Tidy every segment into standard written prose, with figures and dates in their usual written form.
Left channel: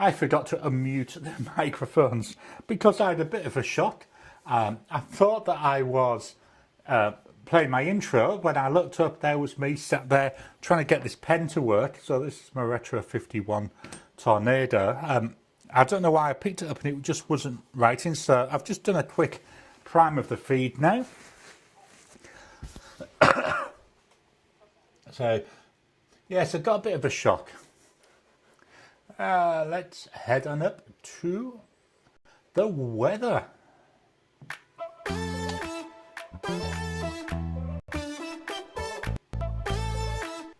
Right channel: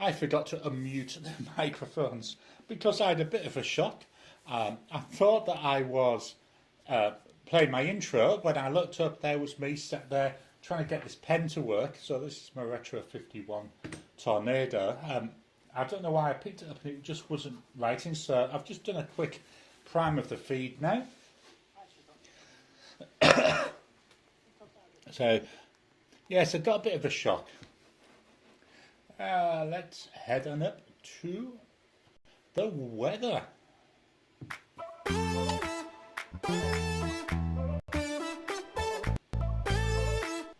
I forgot to unmute the microphones because I had a bit of a shock. I thought that I was playing my intro. When I looked up, there was me sat there trying to get this pen to work. So this is my Retro 51 Tornado. I don't know why I picked it up and it just wasn't writing. So I've just done a quick prime of the feed now. So yes, I got a bit of a shock. Let's head on up to the weather.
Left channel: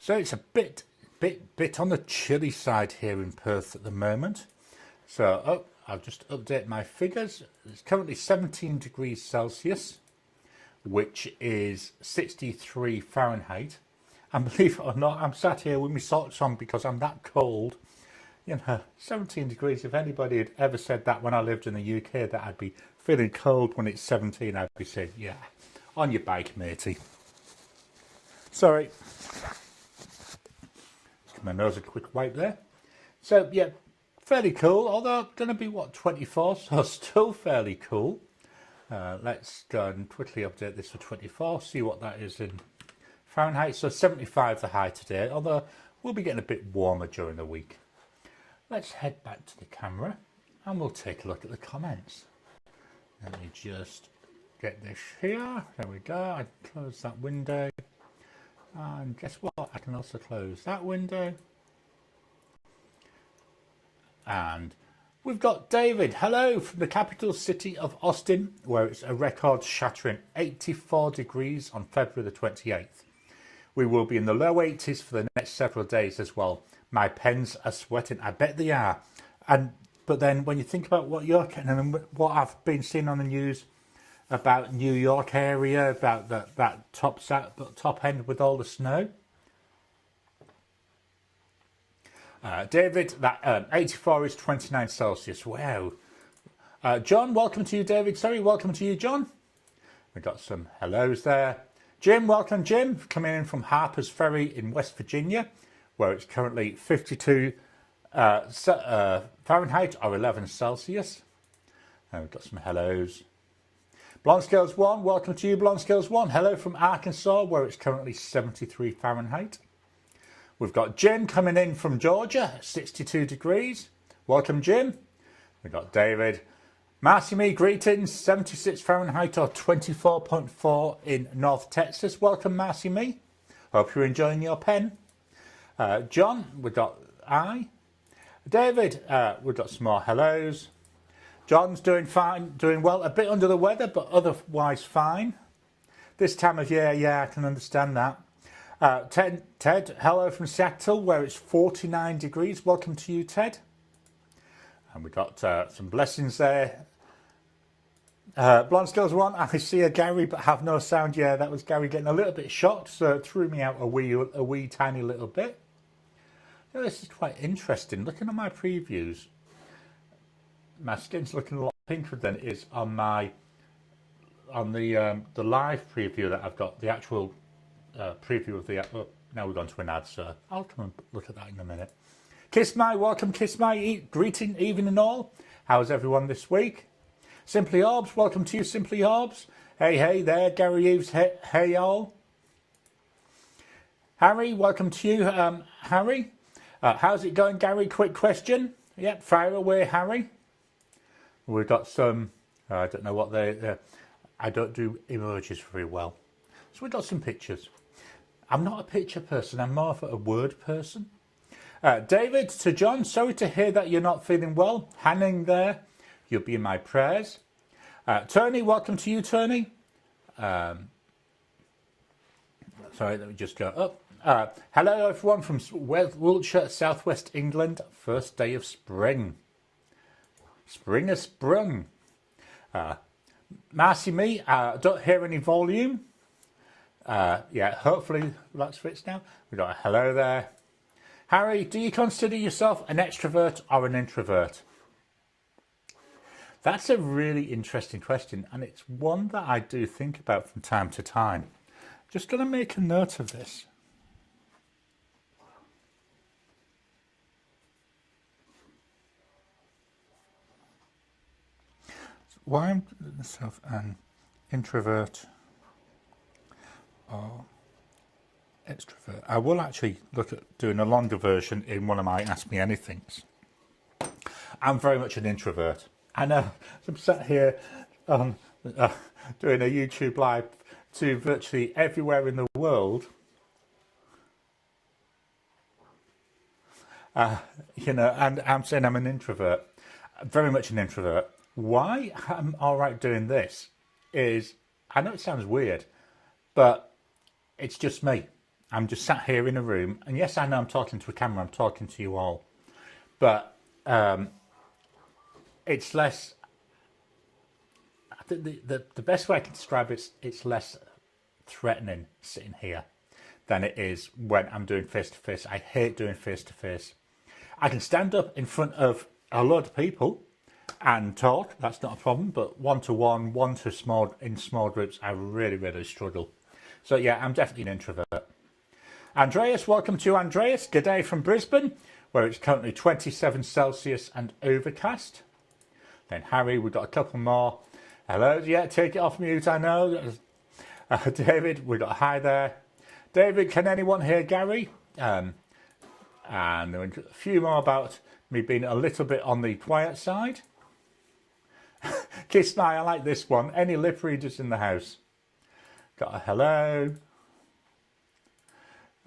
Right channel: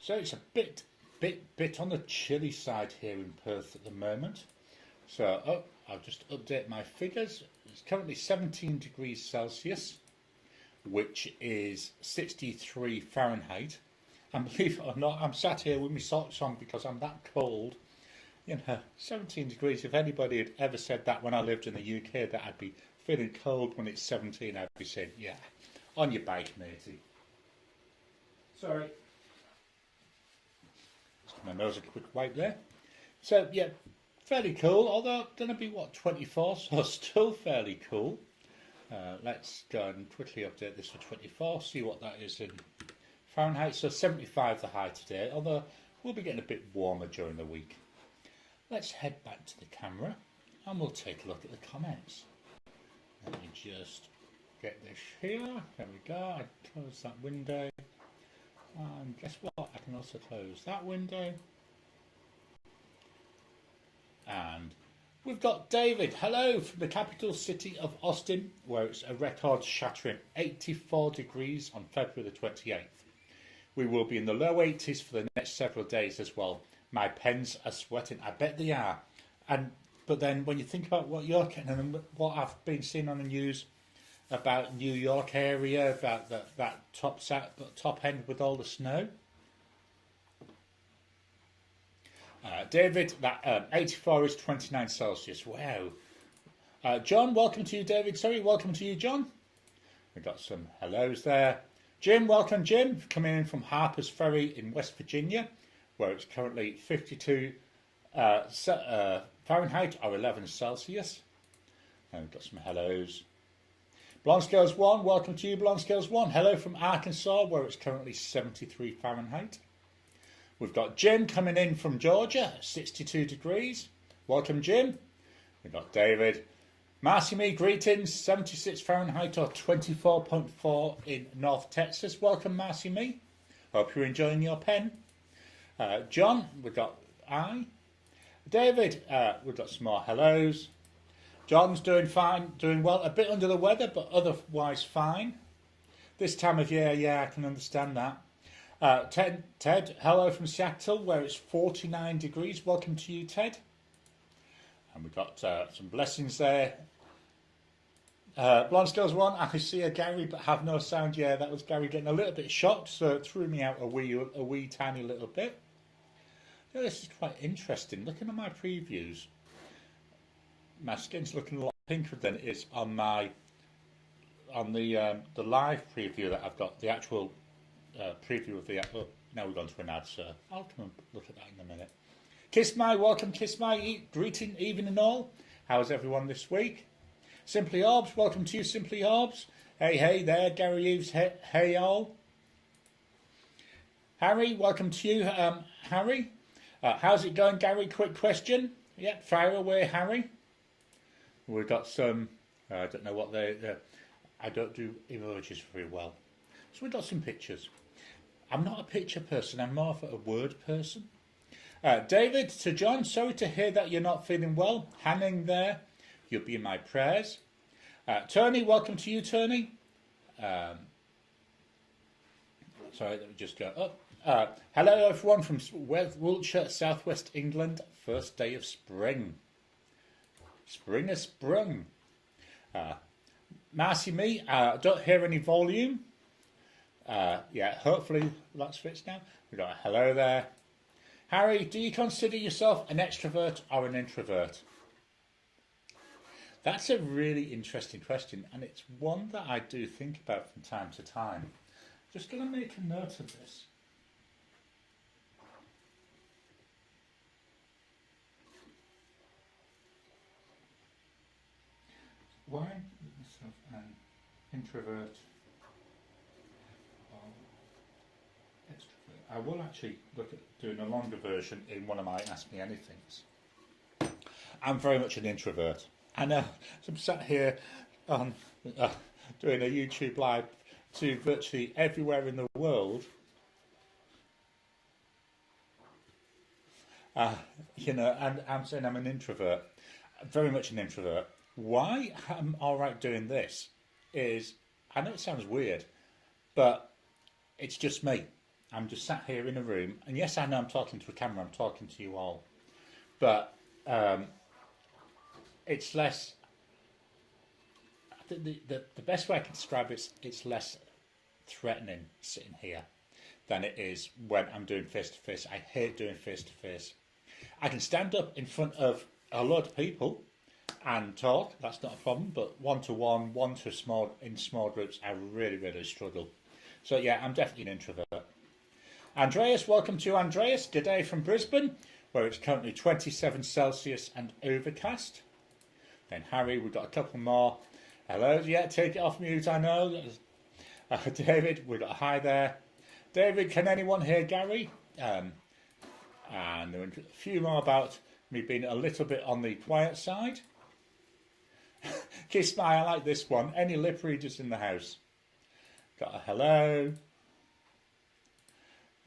So it's a bit on the chilly side here in Perth at the moment. So I'll just update my figures. It's currently 17 degrees Celsius, which is 63 Fahrenheit. And believe it or not, I'm sat here with my socks on because I'm that cold. You know, 17 degrees. If anybody had ever said that when I lived in the UK, that I'd be feeling cold when it's 17, I'd be saying, yeah, on your bike, matey. Sorry. Let's give my nose a quick wipe there. So, yeah, fairly cool, although going to be, what, 24, so still fairly cool. Let's go and quickly update this for 24, see what that is in Fahrenheit. So 75 the high today, although we'll be getting a bit warmer during the week. Let's head back to the camera and we'll take a look at the comments. Let me just get this here. There we go. I close that window. And guess what? I can also close that window. And we've got David. Hello from the capital city of Austin, where it's a record-shattering 84 degrees on February the 28th. We will be in the low 80s for the next several days as well. My pens are sweating. I bet they are. But then when you think about what you're getting, and what I've been seeing on the news about New York area, about that top end with all the snow. David, that 84 is 29 Celsius. Wow. John, welcome to you, David. Sorry, welcome to you, John. We've got some hellos there. Jim, welcome, Jim. Coming in from Harper's Ferry in West Virginia, where it's currently 52 Fahrenheit or 11 Celsius. And we've got some hellos. Blonde Scales 1, welcome to you, Blonde Scales 1. Hello from Arkansas, where it's currently 73 Fahrenheit. We've got Jim coming in from Georgia, 62 degrees. Welcome, Jim. We've got David. Marcy Me, greetings, 76 Fahrenheit or 24.4 in North Texas. Welcome, Marcy Me. Hope you're enjoying your pen. John, we've got I. David, we've got some more hellos. John's doing fine, doing well. A bit under the weather, but otherwise fine. This time of year, yeah, I can understand that. Ted, hello from Seattle, where it's 49 degrees. Welcome to you, Ted. And we got some blessings there. Blonde Scales 1, I see a Gary but have no sound. Yeah, that was Gary getting a little bit shocked, so it threw me out a wee tiny little bit. You know, this is quite interesting. Looking at my previews, my skin's looking a lot pinker than it is on the live preview that I've got. The actual preview of the now we're going to an ad, so I'll come and look at that in a minute. Kiss My, welcome, Kiss My, greeting, even and all. How's everyone this week? Simply Orbs, welcome to you, Simply Orbs. Hey there, Gary Eves, hey all. Harry, welcome to you, Harry. How's it going, Gary? Quick question. Yep, fire away, Harry. We've got some, I don't know what I don't do emojis very well. So we've got some pictures. I'm not a picture person, I'm more of a word person. David, to John, sorry to hear that you're not feeling well. Hanging there, you'll be in my prayers. Tony, welcome to you, Tony. Sorry, let me just go up. Hello, everyone from Wiltshire, southwest England. First day of spring. Spring has sprung. Marcy Me, don't hear any volume. Yeah, hopefully that fits now. We got a hello there. Harry, do you consider yourself an extrovert or an introvert? That's a really interesting question, and it's one that I do think about from time to time. Just going to make a note of this. why I'm myself an introvert or extrovert. I will actually look at doing a longer version in one of my Ask Me Anythings. I'm very much an introvert. I know. I'm sat here doing a YouTube live to virtually everywhere in the world. You know, and I'm saying I'm an introvert. Very much an introvert. Why I'm all right doing this is, I know it sounds weird, but it's just me. I'm just sat here in a room, and yes, I know I'm talking to a camera, I'm talking to you all, but it's less, I think the best way I can describe it, it's less threatening sitting here than it is when I'm doing face-to-face. I hate doing face-to-face. I can stand up in front of a lot of people and talk, that's not a problem, but one-to-one, in small groups, I really struggle. So yeah, I'm definitely an introvert. Andreas, welcome to Andreas. Good day from Brisbane, where it's currently 27 Celsius and overcast. Then Harry, we've got a couple more. Hello, yeah, take it off mute, I know. David, we've got a hi there. David, can anyone hear Gary? And there were a few more about me being a little bit on the quiet side. Kiss my, I like this one. Any lip readers in the house? Got a hello.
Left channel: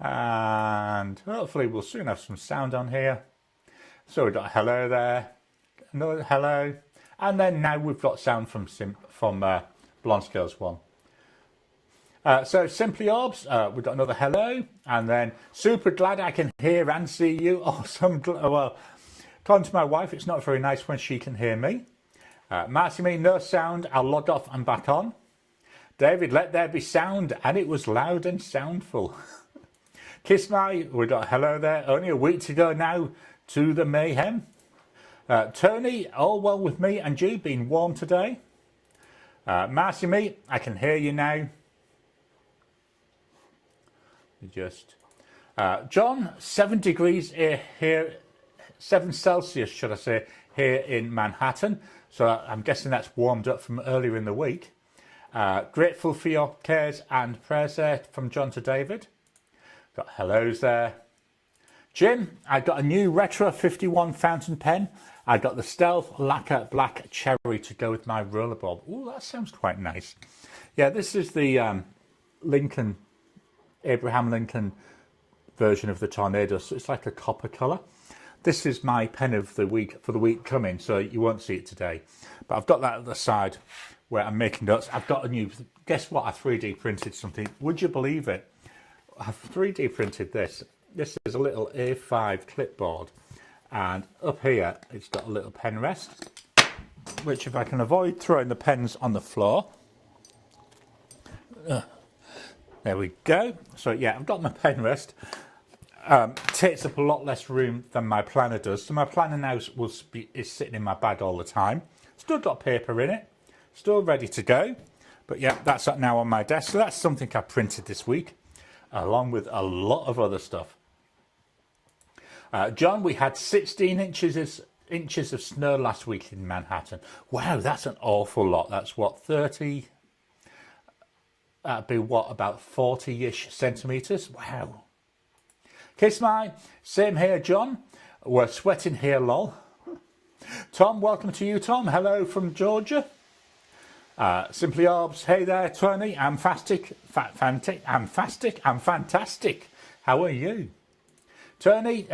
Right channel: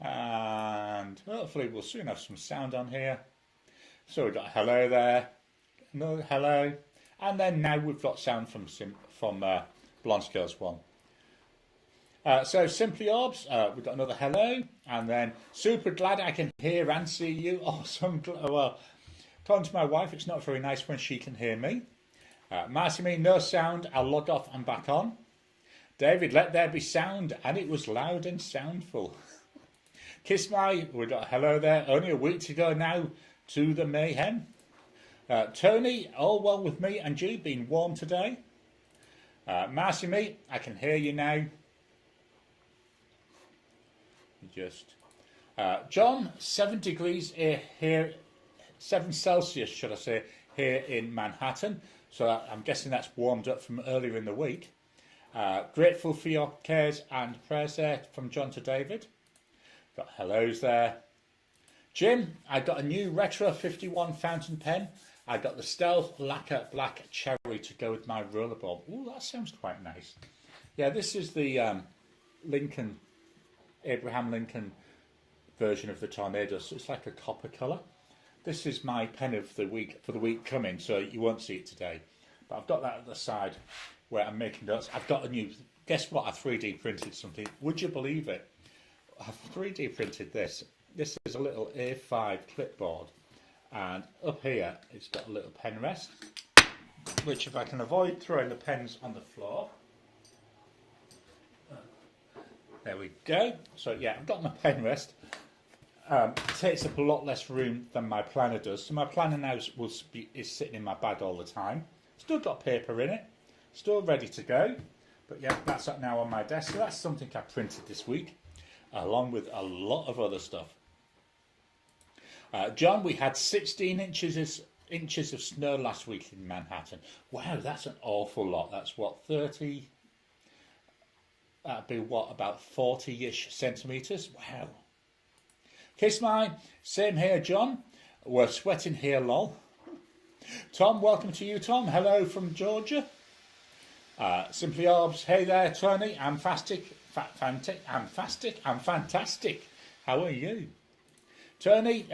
And hopefully we'll soon have some sound on here. So we've got a hello there. Another hello. And then now we've got sound from Blonde Scales 1. So Simply Orbs, we've got another hello, and then super glad I can hear and see you. Awesome. Well, according to my wife, it's not very nice when she can hear me. Marcy me, no sound. I'll log off and back on. David, let there be sound, and it was loud and soundful. Kiss my, we got a hello there. Only a week to go now to the mayhem. Tony, all well with me and you, been warm today. Marcy me, I can hear you now. Just John, 7 degrees here, 7 Celsius, should I say, here in Manhattan. So I'm guessing that's warmed up from earlier in the week. Grateful for your cares and prayers there from John to David. Got hellos there. Jim, I got a new Retro 51 fountain pen. I got the Stealth Lacquer Black Cherry to go with my rollerball. Oh, that sounds quite nice. Yeah, this is the Abraham Lincoln version of the Tornado, so it's like a copper colour. This is my pen of the week for the week coming, so you won't see it today. But I've got that at the side where I'm making notes. I've got a new, guess what, I 3D printed something. Would you believe it? I've 3D printed this. This is a little A5 clipboard, and up here it's got a little pen rest, which if I can avoid throwing the pens on the floor. There we go. So yeah, I've got my pen rest. Takes up a lot less room than my planner does. So my planner now is sitting in my bag all the time. Still got paper in it. Still ready to go. But yeah, that's now on my desk. So that's something I printed this week, along with a lot of other stuff. John, we had 16 inches of snow last week in Manhattan. Wow, that's an awful lot. That's what, 30... That'd be what, about 40-ish centimetres? Wow. Kiss my, same here, John. We're sweating here, lol. Tom, welcome to you, Tom. Hello from Georgia. Simply Orbs, hey there, Tony. I'm fantastic. How are you? Tony,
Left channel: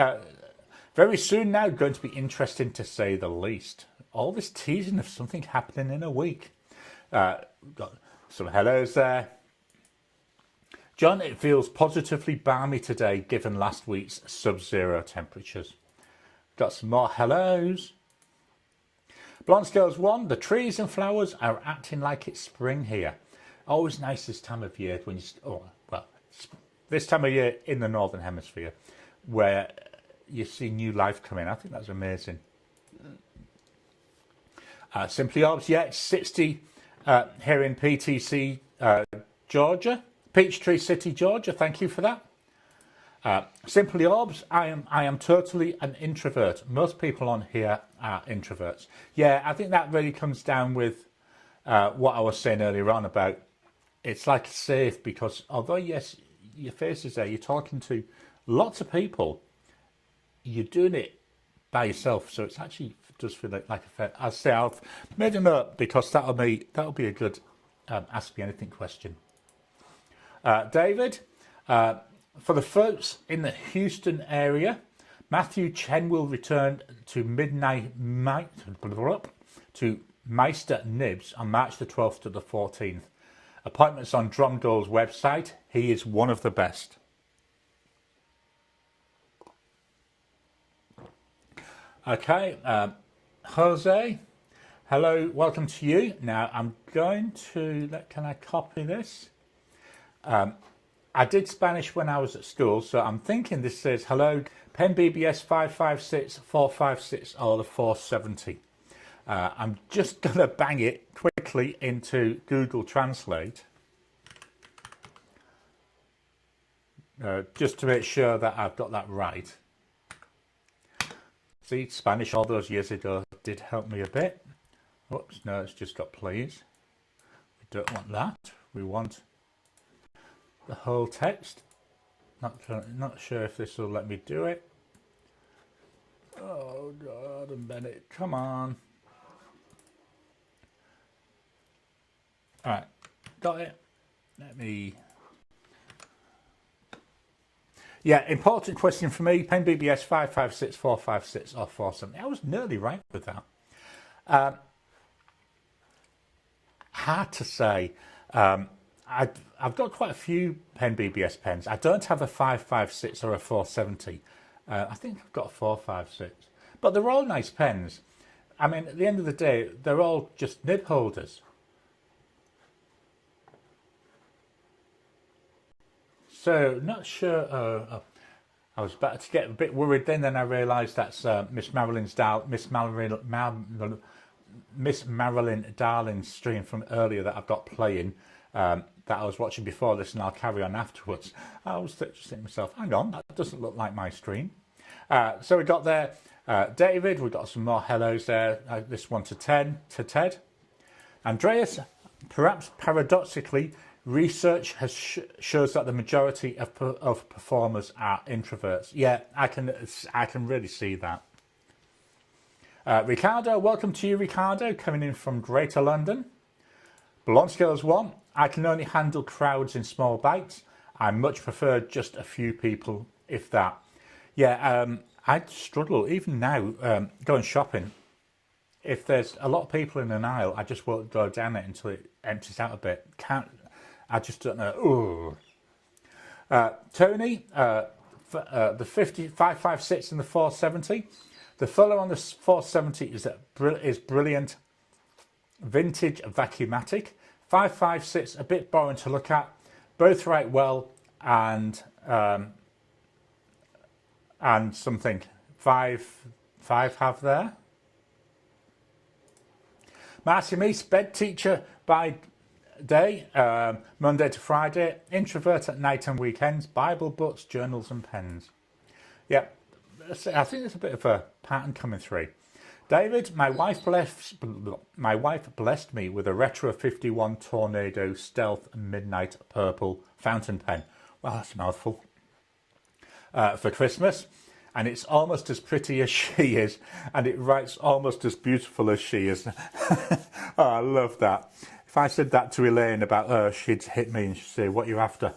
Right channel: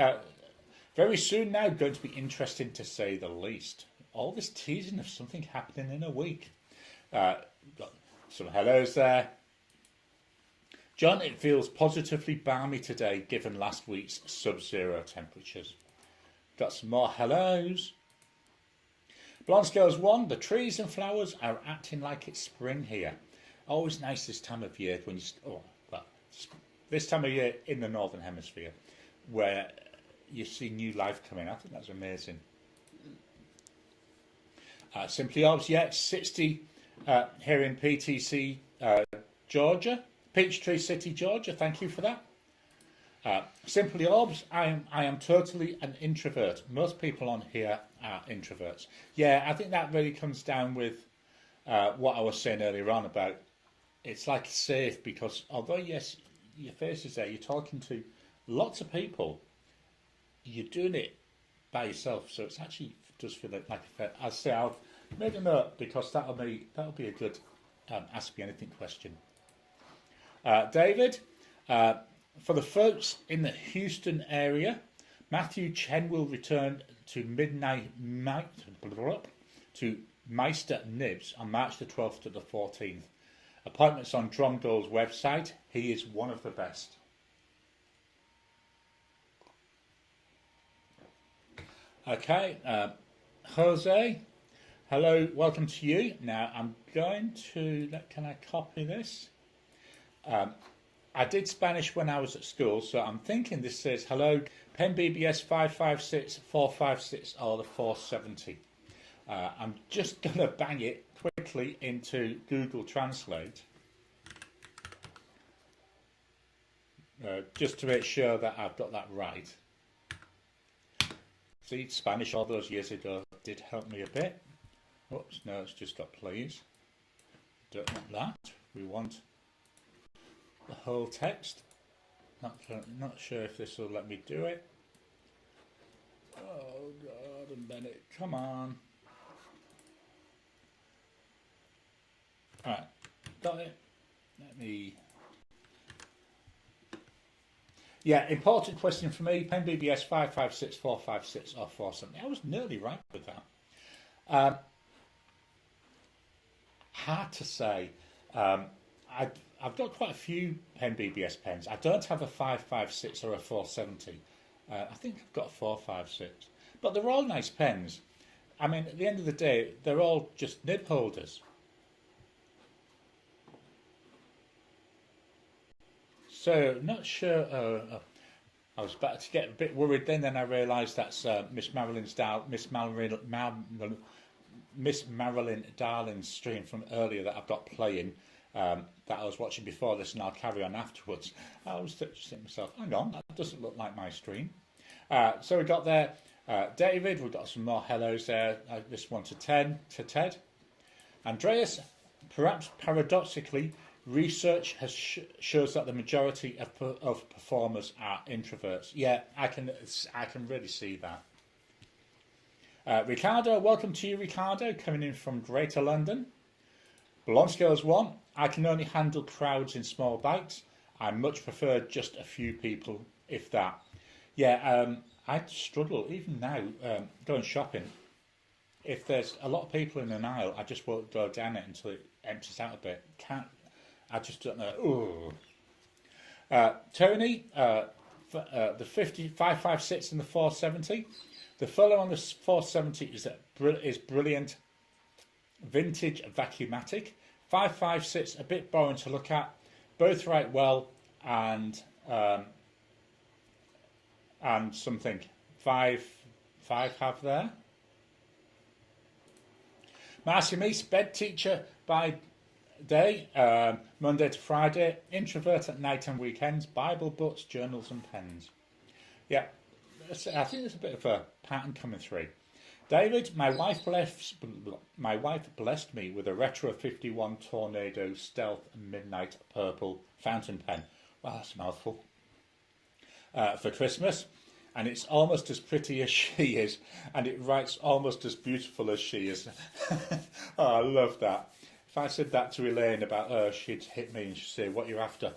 very soon now, going to be interesting to say the least. All this teasing of something happening in a week. Got some hellos there. John, it feels positively balmy today given last week's sub-zero temperatures. Got some more hellos. Blonde Scales 1, the trees and flowers are acting like it's spring here. Always nice this time of year when this time of year in the Northern Hemisphere where you see new life coming. I think that's amazing. Simply Orbs, yeah, 60 here in PTC, Georgia. Peachtree City, Georgia. Thank you for that. Simply Orbs, I am totally an introvert. Most people on here are introverts. Yeah, I think that really comes down with what I was saying earlier on about it's like safe, because although yes, your face is there, you're talking to lots of people, you're doing it by yourself, so it's actually does feel like a fair. I'll say I've made a note because that'll be a good ask me anything question. David, for the folks in the Houston area, Matthew Chen will return to to Meister Nibs on March the 12th to the 14th. Appointments on Drumdoll's website. He is one of the best. Okay, Jose, hello, welcome to you. Now I'm going to, can I copy this? I did Spanish when I was at school, so I'm thinking this says, hello, Pen BBS 556, 456 or the 470. I'm just going to bang it quickly into Google Translate. Just to make sure that I've got that right. See, Spanish all those years ago did help me a bit. Whoops, no, it's just got please. We don't want that. We want the whole text. Not sure if this will let me do it. Oh God, and Bennett, come on. All right, got it. Let me. Yeah, important question for me. Pen BBS 556, 456 or 470. I was nearly right with that. Hard to say. I've got quite a few Pen BBS pens. I don't have a 556 or a 470. I think I've got a 456. But they're all nice pens. I mean, at the end of the day, they're all just nib holders. So, not sure. I was about to get a bit worried then I realised that's Miss Marilyn Darling's stream from earlier that I've got playing, that I was watching before this, and I'll carry on afterwards. I was just thinking to myself, hang on, that doesn't look like my stream. So we got there, David, we've got some more hellos there. This one to Ted. Andreas, perhaps paradoxically, research shows that the majority of performers are introverts. Yeah, I can really see that. Ricardo, welcome to you, Ricardo, coming in from Greater London. Balance Skills 1, I can only handle crowds in small bites. I much prefer just a few people, if that. Yeah, I struggle, even now, going shopping. If there's a lot of people in an aisle, I just won't go down it until it empties out a bit. I just don't know. Tony, the 556 and the 470. The follow on the 470 is brilliant. Vintage vacuumatic. 556, a bit boring to look at. Both write well, and something. Five have there. Marcy Meese, bed teacher by day, Monday to Friday, introvert at night and weekends, Bible books, journals and pens. Yeah, I think there's a bit of a pattern coming through. David, my wife blessed me with a Retro 51 Tornado Stealth Midnight Purple fountain pen. Wow, that's a mouthful. For Christmas, and it's almost as pretty as she is, and it writes almost as beautiful as she is. Oh, I love that. If I said that to Elaine about her, she'd hit me and she'd say, what are you after?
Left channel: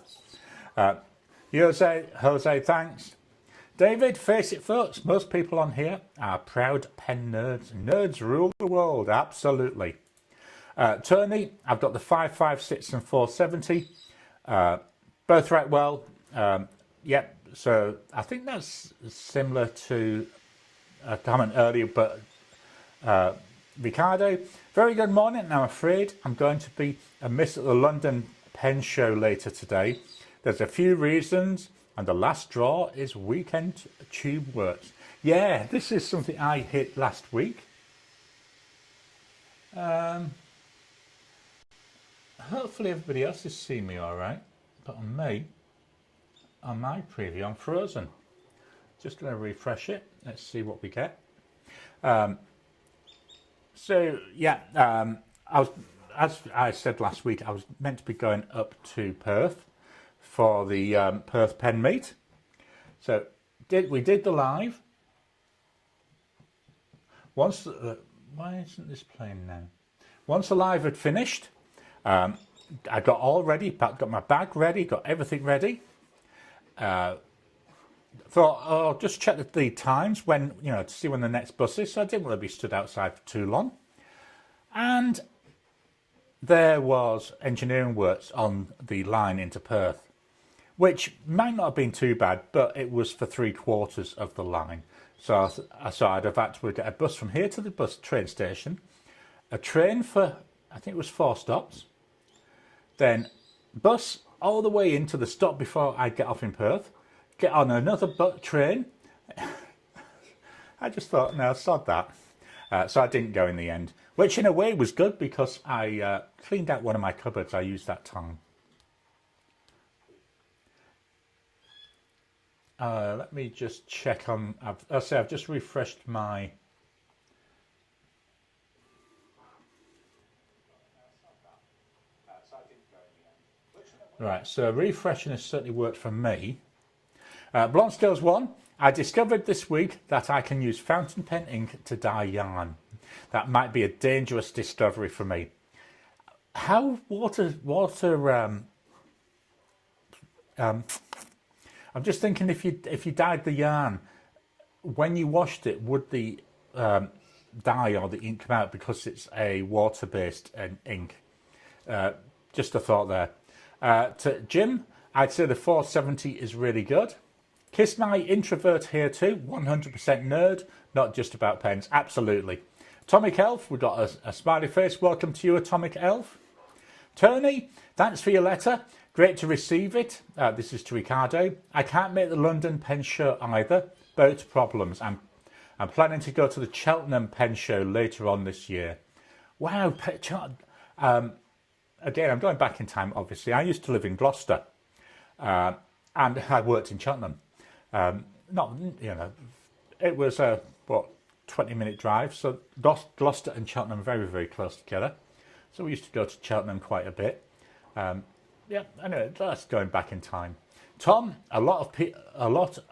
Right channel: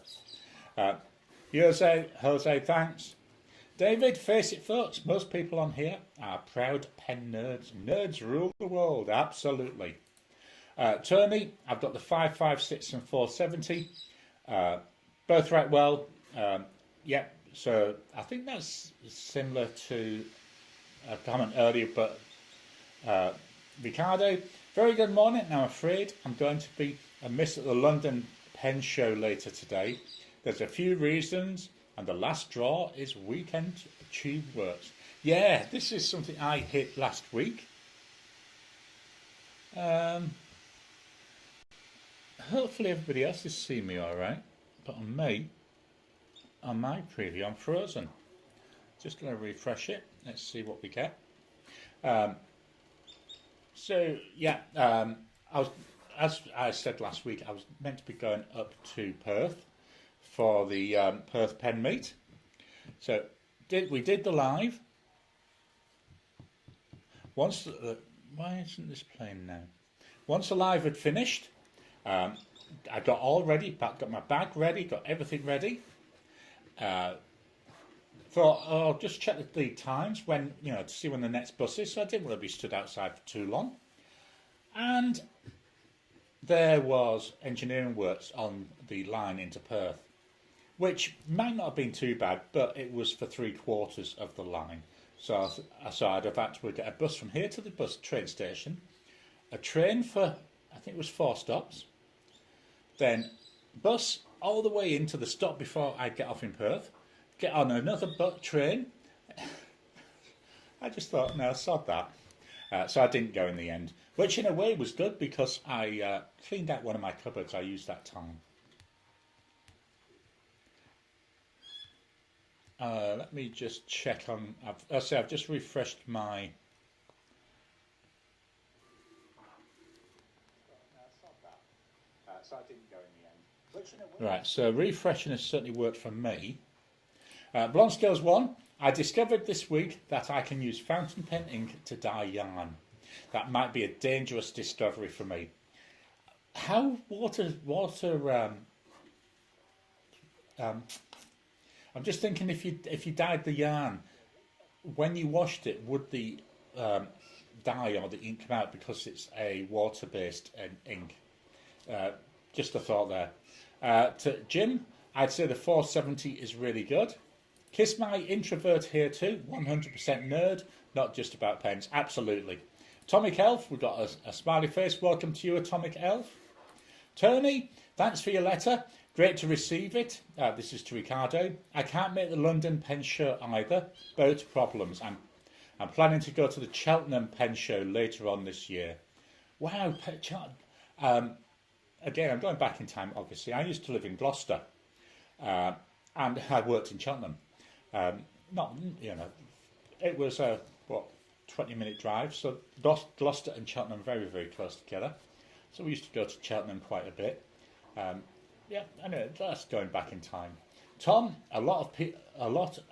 Jose, thanks. David, face it folks, most people on here are proud pen nerds. Nerds rule the world, absolutely. Tony, I've got the 556 and 470. Both write well. Yep, so I think that's similar to a comment earlier, but Ricardo, very good morning. Now, I'm afraid I'm going to be a miss at the London Pen Show later today. There's a few reasons, and the last draw is Weekend Tube Works. Yeah, this is something I hit last week. Hopefully everybody else is seeing me all right, but on me, on my preview, I'm frozen. Just going to refresh it. Let's see what we get. So yeah, as I said last week, I was meant to be going up to Perth for the Perth pen meet. So we did the live. Once why isn't this playing now? Once the live had finished, I got all ready, got my bag ready, got everything ready. Thought I'll just check the times when, to see when the next bus is. So I didn't want to be stood outside for too long. And there was engineering works on the line into Perth, which might not have been too bad, but it was for 3/4 of the line. So I thought I'd have had to get a bus from here to the train station, a train for, I think it was 4 stops, then bus all the way into the stop before I'd get off in Perth, get on another train. I just thought, no, sod that. So I didn't go in the end, which in a way was good because I cleaned out one of my cupboards. I used that time. Let me just check on. I've just refreshed my. Right, so refreshing has certainly worked for me. Blonde Skills 1, I discovered this week that I can use fountain pen ink to dye yarn. That might be a dangerous discovery for me. How I'm just thinking if you dyed the yarn, when you washed it, would the dye or the ink come out because it's a water-based ink? Just a thought there. To Jim, I'd say the 470 is really good. Kiss my introvert here too, 100% nerd, not just about pens, absolutely. Atomic Elf, we've got a smiley face, welcome to you, Atomic Elf. Tony, thanks for your letter, great to receive it. This is to Ricardo. I can't make the London pen show either, both problems. I'm planning to go to the Cheltenham pen show later on this year. Wow, again, I'm going back in time, obviously. I used to live in Gloucester, and I worked in Cheltenham. It was a 20-minute drive. So Gloucester and Cheltenham are very, very close together. So we used to go to Cheltenham quite a bit. Anyway, that's going back in time. Tom, a lot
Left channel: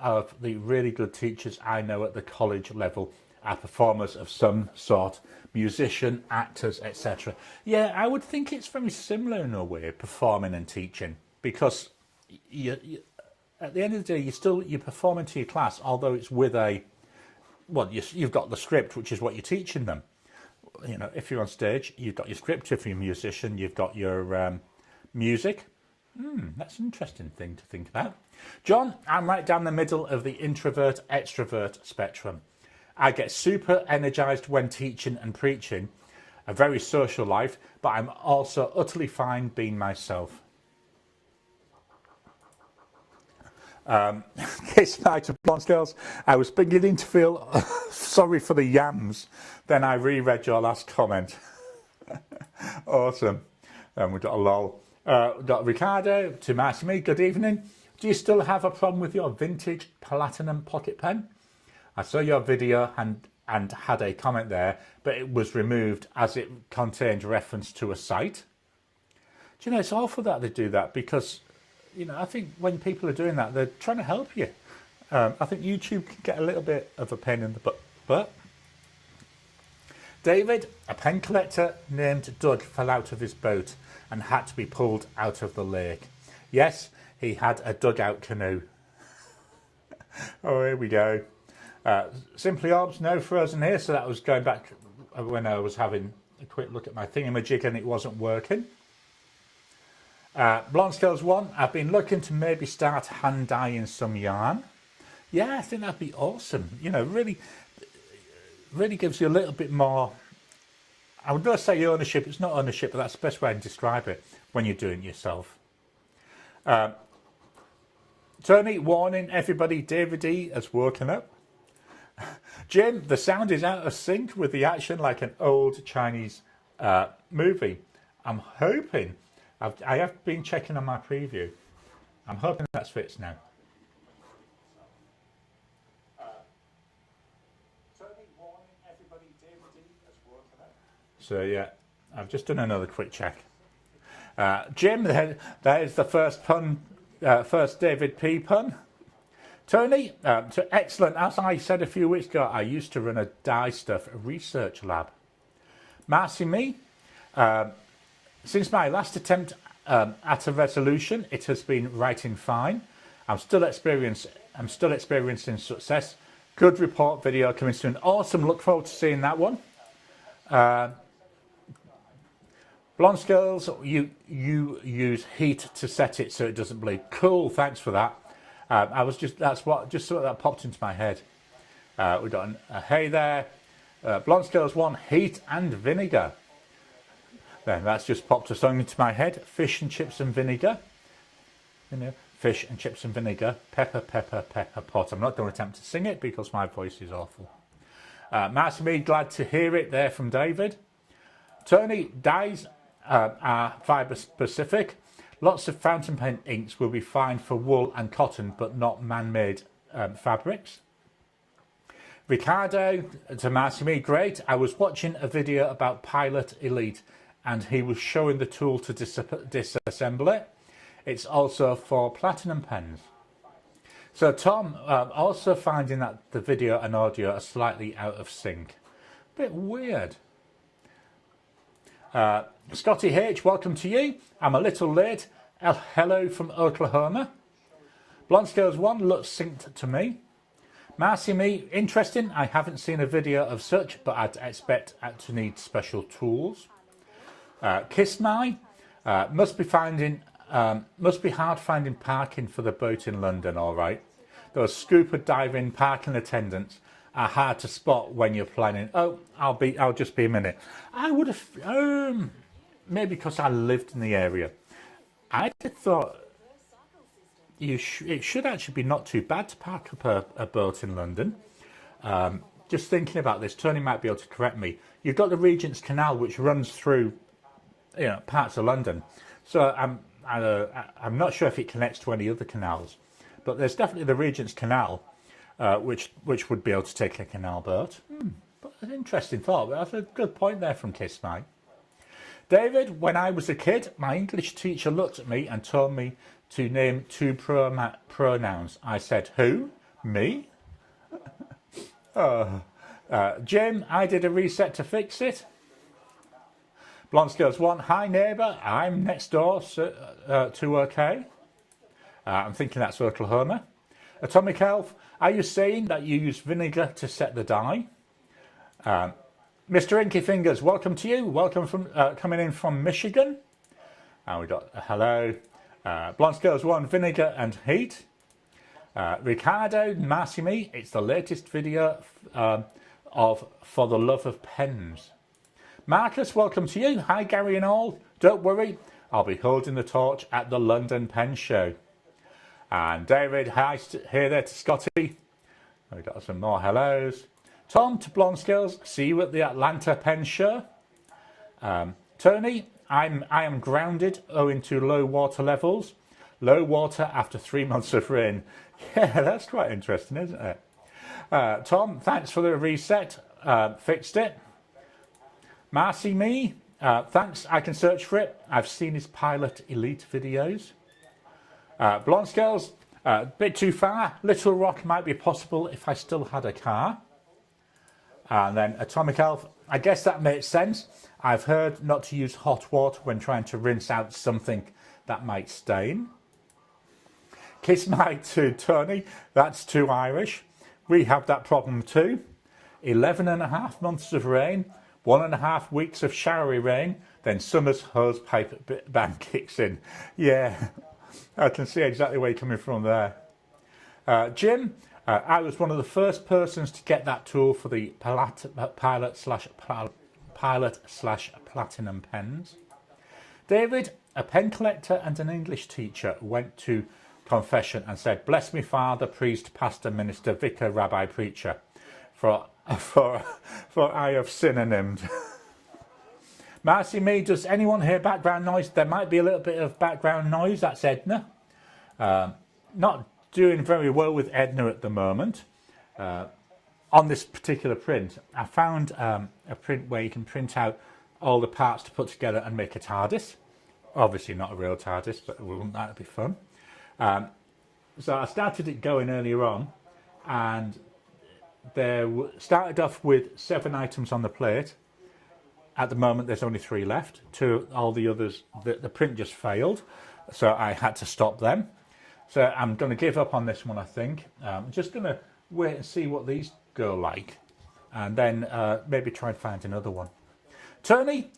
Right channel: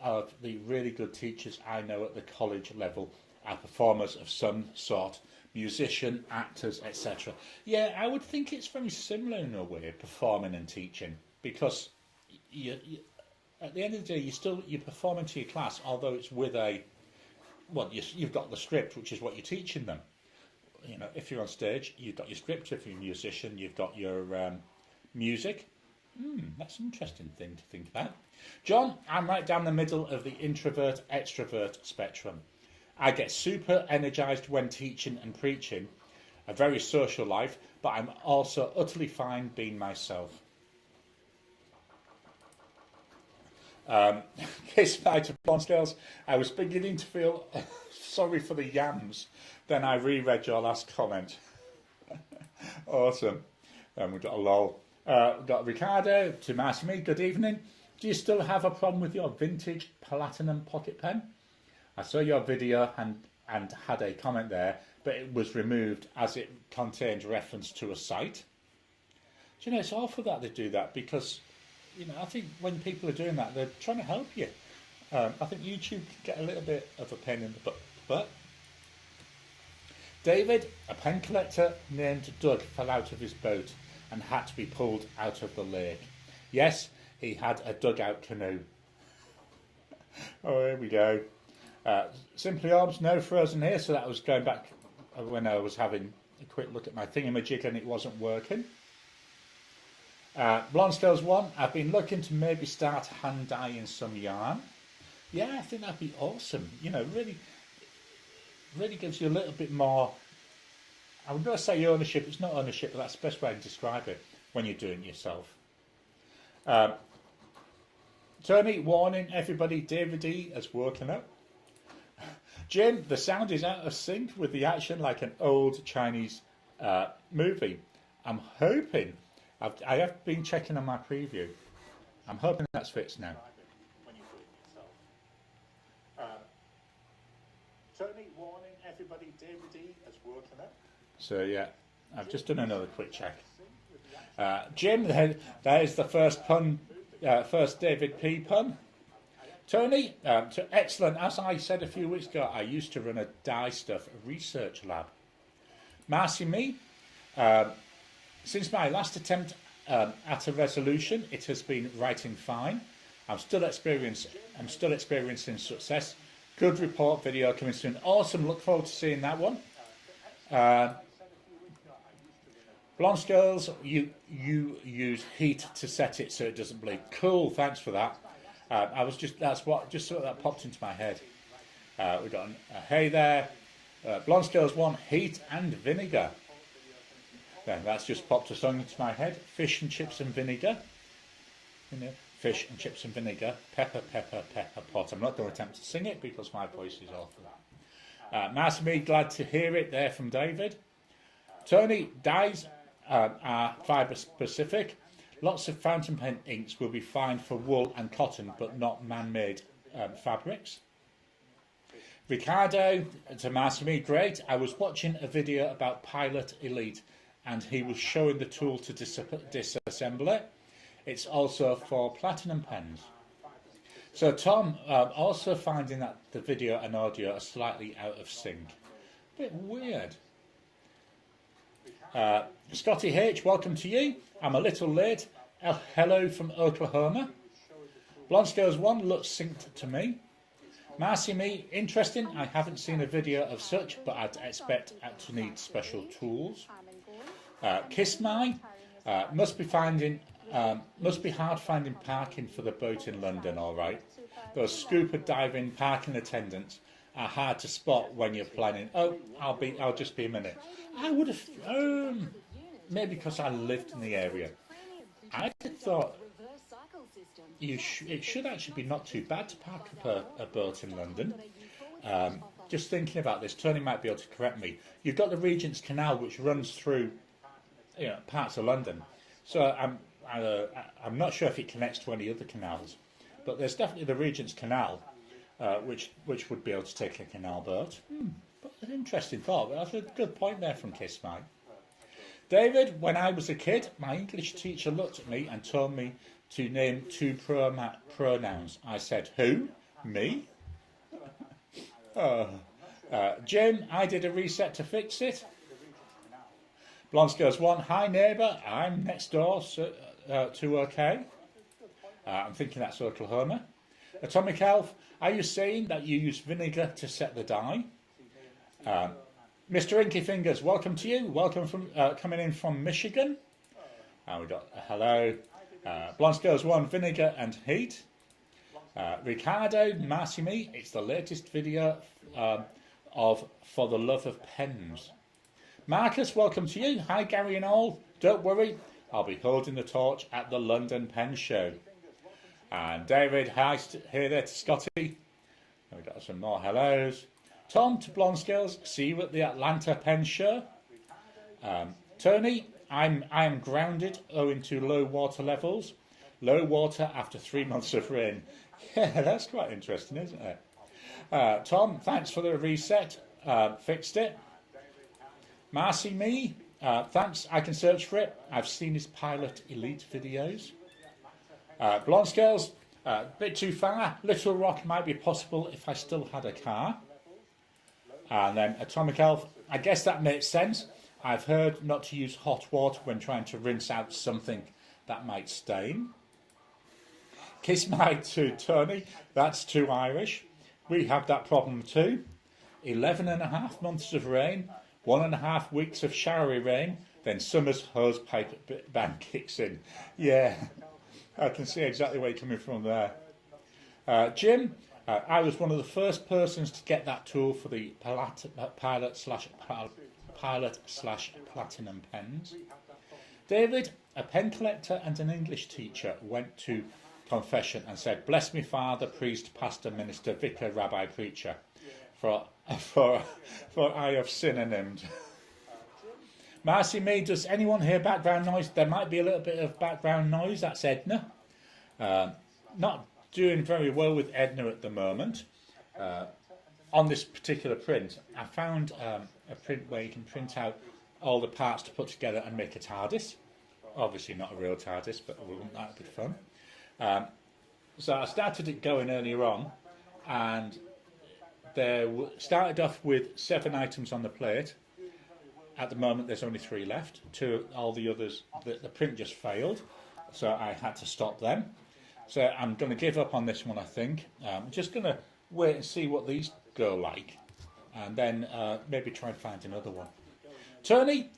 of the really good teachers I know at the college level are performers of some sort, musician, actors, etc. Yeah, I would think it's very similar in a way, performing and teaching, because at the end of the day, you're performing to your class, although it's with you've got the script, which is what you're teaching them. If you're on stage, you've got your script. If you're a musician, you've got your music. That's an interesting thing to think about. John, I'm right down the middle of the introvert-extrovert spectrum. I get super energized when teaching and preaching, a very social life, but I'm also utterly fine being myself. Kiss night of Blonde Skills. I was beginning to feel sorry for the yams. Then I reread your last comment. Awesome. We've got a lol. We've got Ricardo, to me, good evening. Do you still have a problem with your vintage platinum pocket pen? I saw your video and had a comment there, but it was removed as it contained reference to a site. Do you know, it's awful that they do that because, I think when people are doing that, they're trying to help you. I think YouTube can get a little bit of a pain in the butt. But David, a pen collector named Doug, fell out of his boat and had to be pulled out of the lake. Yes, he had a dugout canoe. Oh, here we go. Simply Orbs, no frozen here, so that was going back when I was having a quick look at my thingamajig and it wasn't working. Blonde Skills 1, I've been looking to maybe start hand dyeing some yarn. Yeah, I think that'd be awesome. Really gives you a little bit more, I would not say ownership, it's not ownership, but that's the best way to describe it when you're doing it yourself. Tony, warning everybody, David E has woken up. Jim, the sound is out of sync with the action like an old Chinese movie. I'm hoping, I have been checking on my preview. I'm hoping that's fixed now. Tony, warning everybody, David E has woken up. So yeah, I've just done another quick check. Jim, there's the first pun, first David P pun. Tony, excellent. As I said a few weeks ago, I used to run a dye stuff research lab. Marcy Me, since my last attempt at a resolution, it has been writing fine. I'm still experiencing success. Good report video coming soon. Awesome. Look forward to seeing that one. Blonde Skills, you use heat to set it so it doesn't bleed. Cool. Thanks for that. That's what that popped into my head. We got a hey there. Blonde Skills 1, heat and vinegar. Then that's just popped a song into my head. Fish and chips and vinegar. You know, fish and chips and vinegar. Pepper, pepper, pepper pot. I'm not going to attempt to sing it because my voice is awful. Master Me, glad to hear it there from David. Tony, dyes are fibre specific. Lots of fountain pen inks will be fine for wool and cotton, but not man-made fabrics. Ricardo, to Master Me, great. I was watching a video about Pilot Elite and he was showing the tool to disassemble it. It's also for platinum pens. So Tom, also finding that the video and audio are slightly out of sync. Bit weird. Scotty H, welcome to you. I'm a little late. Hello from Oklahoma. Blonde Skills 1 looks synced to me. Marcy Me, interesting. I haven't seen a video of such, but I'd expect to need special tools. Kiss My, must be hard finding parking for the boat in London. All right, those scuba diving parking attendants are hard to spot when you're planning. Oh, I'll just be a minute. I would have maybe because I lived in the area. I thought it should actually be not too bad to park up a boat in London. Just thinking about this, Tony might be able to correct me. You've got the Regent's Canal, which runs through, parts of London. So I'm not sure if it connects to any other canals, but there's definitely the Regent's Canal, which would be able to take a canal boat. But an interesting thought. That's a good point there from Kiss Mike. David, when I was a kid, my English teacher looked at me and told me to name 2 pronouns. I said, who? Me? Jim, I did a reset to fix it. Blonde Skills 1, hi neighbour, I'm next door to OK. I'm thinking that's Oklahoma. Atomic Elf, are you saying that you use vinegar to set the dye? Mr. Inky Fingers, welcome to you. Welcome from coming in from Michigan. And we got a hello. Blonde Skills 1, vinegar and heat. Ricardo, Marcy Me, it's the latest video of For the Love of Pens. Marcus, welcome to you. Hi Gary and all. Don't worry, I'll be holding the torch at the London Pen Show. And David, hi here there to Scotty. We got some more hellos. Tom to Blonde Skills, see you at the Atlanta Pen Show. Tony, I am grounded owing to low water levels. Low water after 3 months of rain. Yeah, that's quite interesting, isn't it? Tom, thanks for the reset. Fixed it. Marcy Me, thanks. I can search for it. I've seen his Pilot Elite videos. Blonde Skills, a bit too far. Little Rock might be possible if I still had a car. And then Atomic Elf, I guess that makes sense. I've heard not to use hot water when trying to rinse out something that might stain. Kiss My to Tony, that's too Irish. We have that problem too. 11.5 months of rain, 1.5 weeks of showery rain, then summer's hose pipe ban kicks in. Yeah, I can see exactly where you're coming from there. Jim, I was one of the first persons to get that tool for the Pilot/Platinum pens. David, a pen collector and an English teacher, went to confession and said, bless me father, priest, pastor, minister, vicar, rabbi, preacher, for I have synonymed. Marcy Me, does anyone hear background noise? There might be a little bit of background noise. That's Edna. Not doing very well with Edna at the moment. On this particular print, I found a print where you can print out all the parts to put together and make a TARDIS. Obviously not a real TARDIS, but wouldn't that be fun? So I started it going earlier on, and there started off with 7 items on the plate. At the moment there's only 3 left. All the others, the print just failed, so I had to stop them. So I'm going to give up on this one, I think. I'm just going to wait and see what these go like, and then maybe try and find another one. Tony,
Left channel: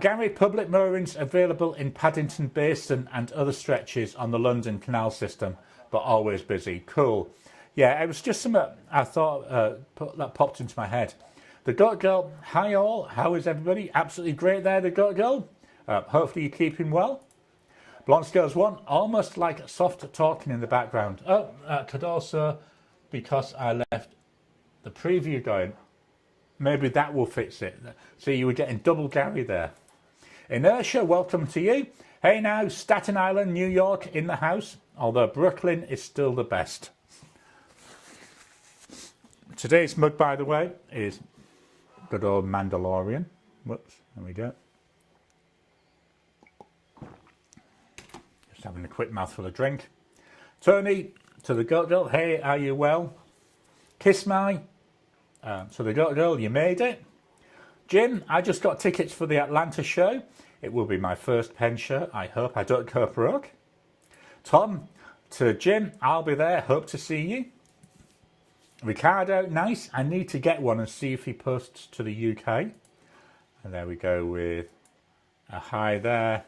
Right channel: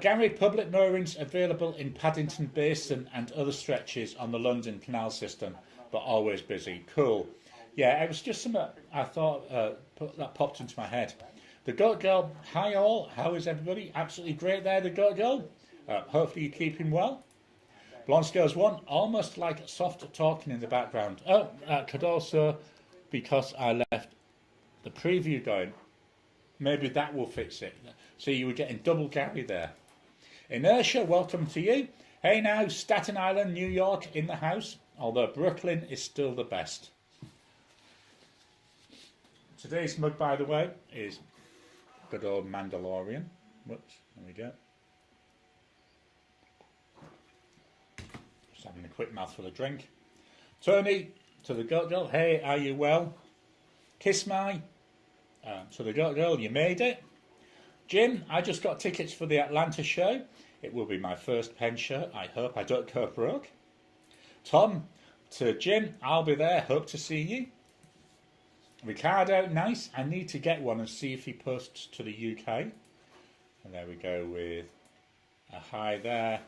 Gary, public moorings available in Paddington Basin and other stretches on the London Canal System, but always busy. Cool. Yeah, it was just something I thought that popped into my head. The Goat Girl, hi all, how is everybody? Absolutely great there, the Goat Girl. Hopefully you're keeping well. Blonde Scales 1, almost like soft talking in the background. Oh, could also, because I left the preview going, maybe that will fix it. So you were getting double Gary there. Inertia, welcome to you. Hey now, Staten Island, New York in the house, although Brooklyn is still the best. Today's mug, by the way, is good old Mandalorian. Whoops, there we go. Just having a quick mouthful of drink. Tony, to the Goat Girl, hey, are you well? Kiss my. So the Goat Girl, you made it. Jim, I just got tickets for the Atlanta show. It will be my first pen show. I hope I don't go broke. Tom, to Jim, I'll be there. Hope to see you. Ricardo, nice. I need to get one and see if he posts to the UK. And there we go with a hi there.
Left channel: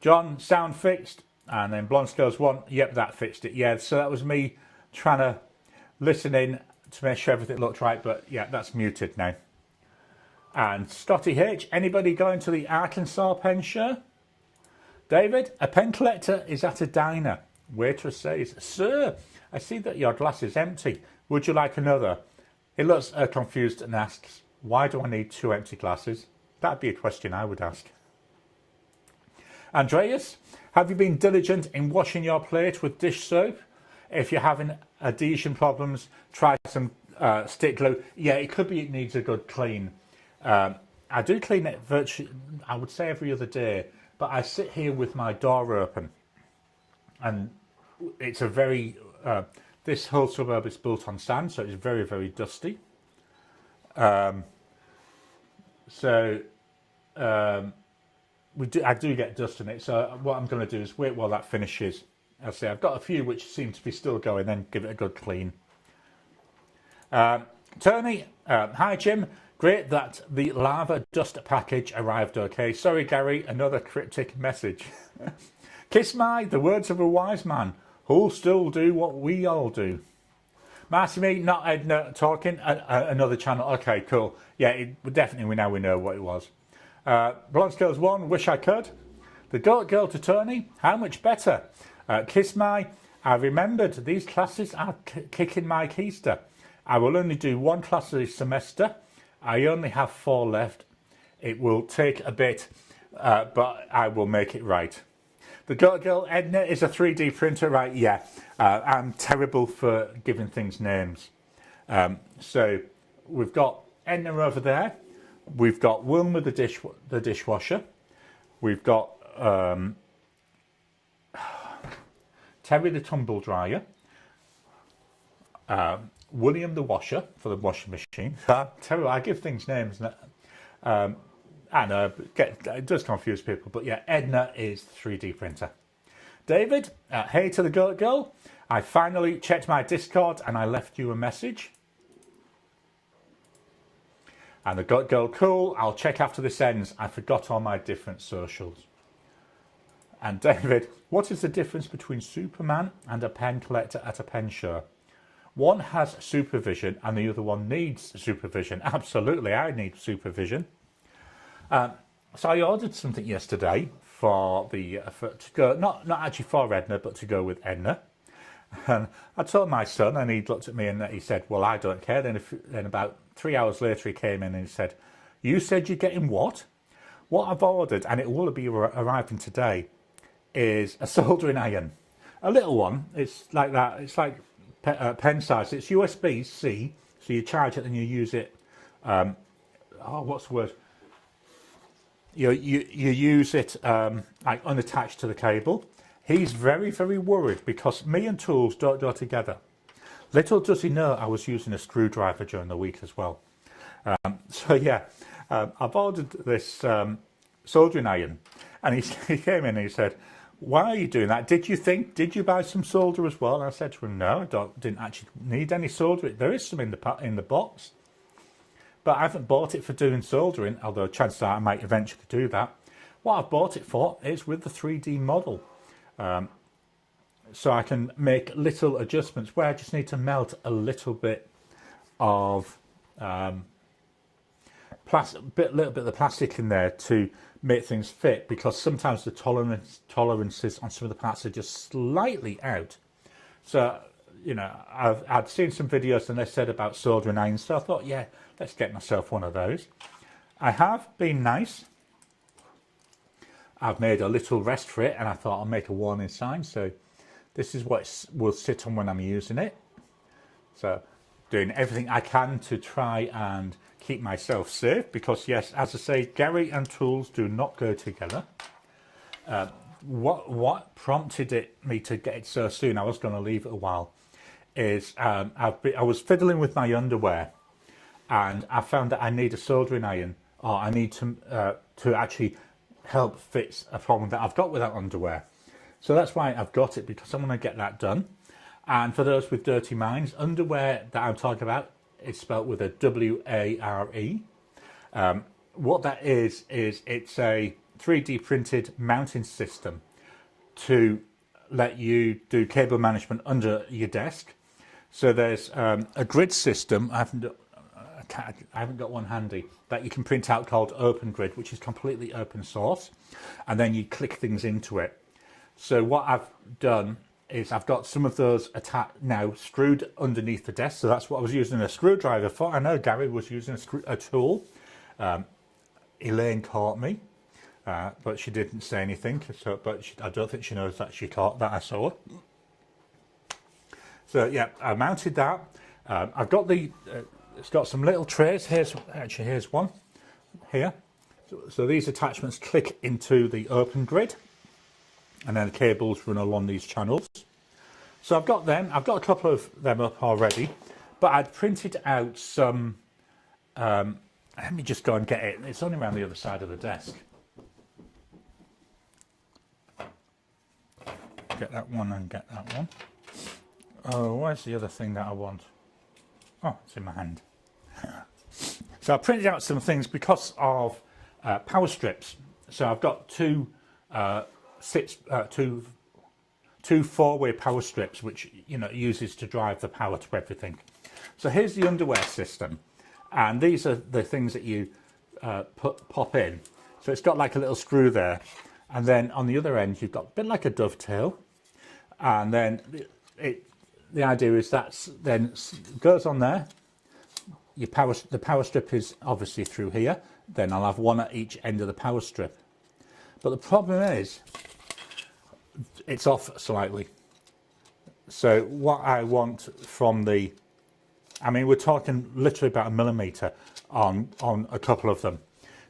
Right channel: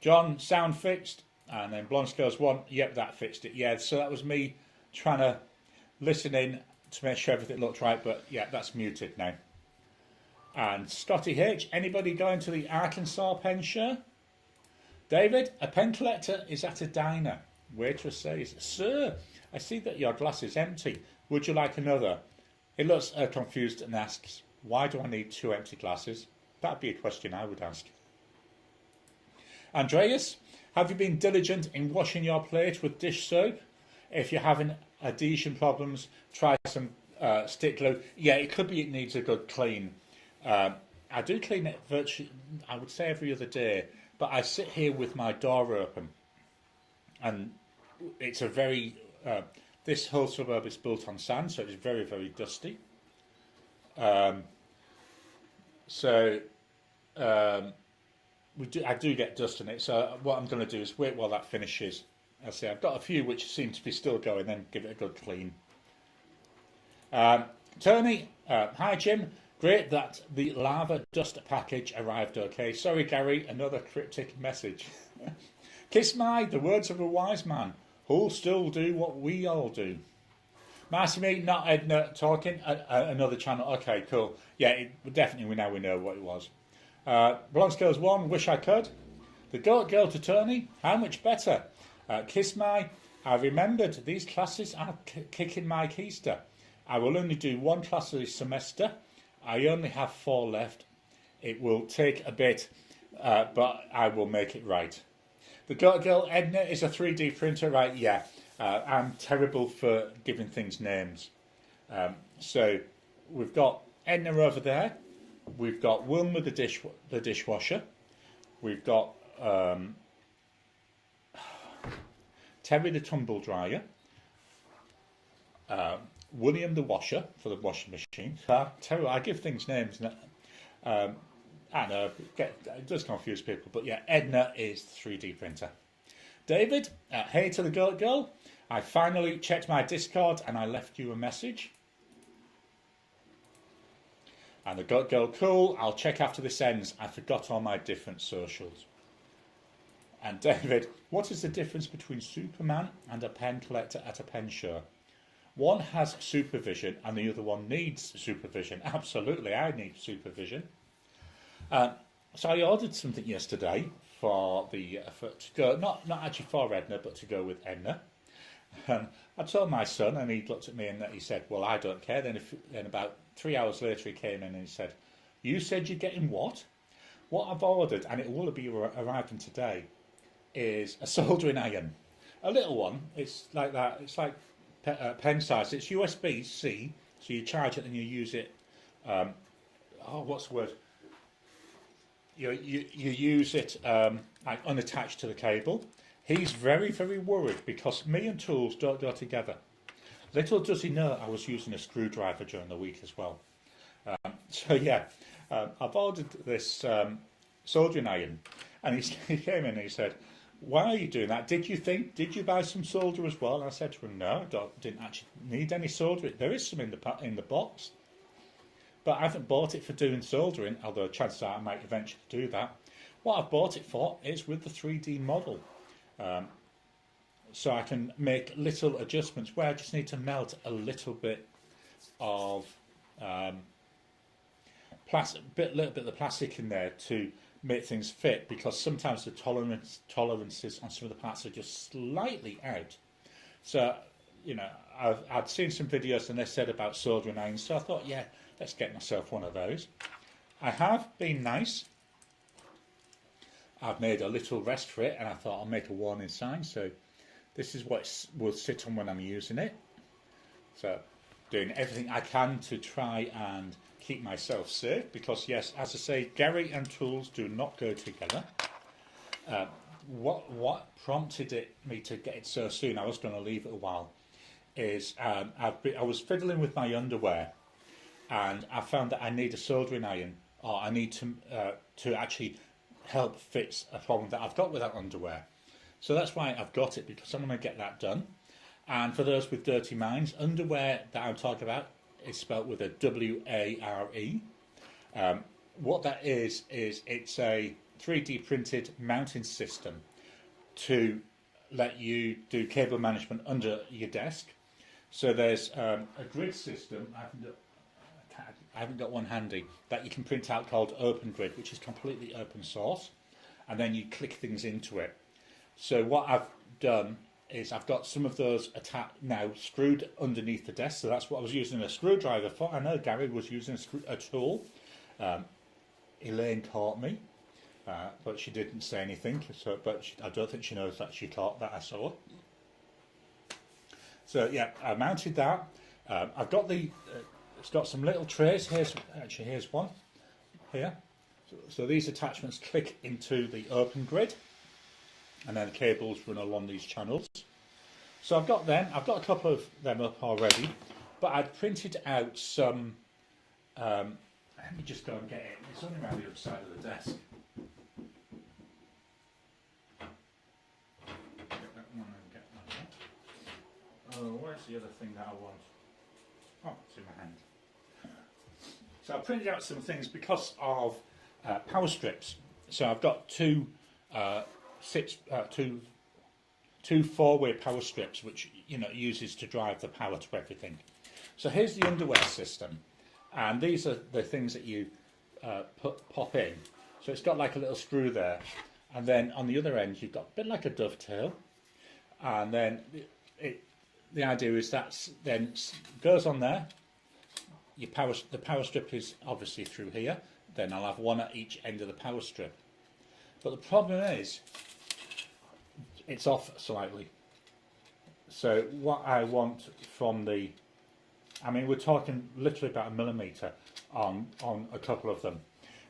John, sound fixed. And then Blonde Scales 1, yep, that fixed it. Yeah, so that was me trying to listen in to make sure everything looked right, but yeah, that's muted now. And Scotty H, anybody going to the Arkansas pen show? David, a pen collector is at a diner. Waitress says, sir, I see that your glass is empty. Would you like another? He looks confused and asks, why do I need 2 empty glasses? That'd be a question I would ask. Andreas, have you been diligent in washing your plate with dish soap? If you're having adhesion problems, try some stick glue. Yeah, it could be it needs a good clean. I do clean it virtually, I would say every other day, but I sit here with my door open, and it's a very, this whole suburb is built on sand, so it's very, very dusty. I do get dust in it, so what I'm going to do is wait while that finishes. I'll say I've got a few which seem to be still going, then give it a good clean. Tony, hi Jim. Great that the lava dust package arrived okay. Sorry Gary, another cryptic message. Kiss my, the words of a wise man. Who'll still do what we all do? Marcy, not Edna talking, another channel. Okay, cool. Yeah, definitely now we know what it was. Blonde Scales 1, wish I could. The Goat Girl to Tony, how much better? Kiss my, I remembered these classes are kicking my keister. I will only do 1 class this semester. I only have 4 left. It will take a bit, but I will make it right. The Goat Girl, Edna is a 3D printer, right? Yeah. I'm terrible for giving things names. So we've got Edna over there. We've got Wilma the dishwasher. We've got Terry the tumble dryer. William the washer for the washing machine. Terrible. I give things names. I know, it does confuse people, but yeah, Edna is the 3D printer. David, hey to the Goat Girl. I finally checked my Discord and I left you a message. And the Goat Girl, cool. I'll check after this ends. I forgot all my different socials. And David, what is the difference between Superman and a pen collector at a pen show? One has supervision and the other one needs supervision. Absolutely, I need supervision. So I ordered something yesterday for to go, not actually for Edna, but to go with Edna. And I told my son, and he looked at me and he said, well, I don't care. Then about 3 hours later, he came in and he said, you said you're getting what? What I've ordered, and it will be arriving today, is a soldering iron. A little one. It's like that. It's like pen size. It's USB-C, so you charge it and you use it. What's the word? you use it like unattached to the cable. He's very, very worried because me and tools don't go together. Little does he know I was using a screwdriver during the week as well. So yeah, I've ordered this soldering iron, and he came in and he said, "Why are you doing that? Did you buy some solder as well?" And I said to him, "No, didn't actually need any solder. There is some in the box, but I haven't bought it for doing soldering, although chances are I might eventually do that. What I've bought it for is with the 3D model. So I can make little adjustments where I just need to melt a little bit of little bit of the plastic in there to make things fit, because sometimes the tolerances on some of the parts are just slightly out. So, you know, I'd seen some videos and they said about soldering irons, so I thought, yeah, let's get myself one of those. I have been nice. I've made a little rest for it, and I thought I'll make a warning sign. So this is what it will sit on when I'm using it. So doing everything I can to try and keep myself safe, because yes, as I say, Gary and tools do not go together. What prompted me to get it so soon, I was going to leave it a while, is I was fiddling with my underwear, and I found that I need a soldering iron, or I need to actually help fix a problem that I've got with that underwear. So that's why I've got it, because I'm going to get that done. And for those with dirty minds, underwear that I'm talking about is spelt with a W-A-R-E. What that is it's a 3D printed mounting system to let you do cable management under your desk. So there's a grid system. I haven't got one handy that you can print out called Open Grid, which is completely open source, and then you click things into it. So what I've done is I've got some of those now screwed underneath the desk. So that's what I was using a screwdriver for. I know Gary was using a tool. Elaine caught me, but she didn't say anything. So, I don't think she knows that she caught that I saw her. So yeah, I mounted that. I've got it's got some little trays. Here's one here. So these attachments click into the Open Grid, and then the cables run along these channels. So I've got them. I've got a couple of them up already, but I'd printed out some. Let me just go and get it. It's only around the other side of the desk. Get that one and get that one. Oh, where's the other thing that I want? Oh, it's in my hand. So I printed out some things because of power strips. So I've got two 4-way power strips, which uses to drive the power to everything. So here's the underwear system, and these are the things that you pop in. So it's got like a little screw there, and then on the other end you've got a bit like a dovetail, and then the idea is that then goes on there. The power strip is obviously through here. Then I'll have one at each end of the power strip. But the problem is, it's off slightly. So what I want from we're talking literally about 1 millimetre on a couple of them.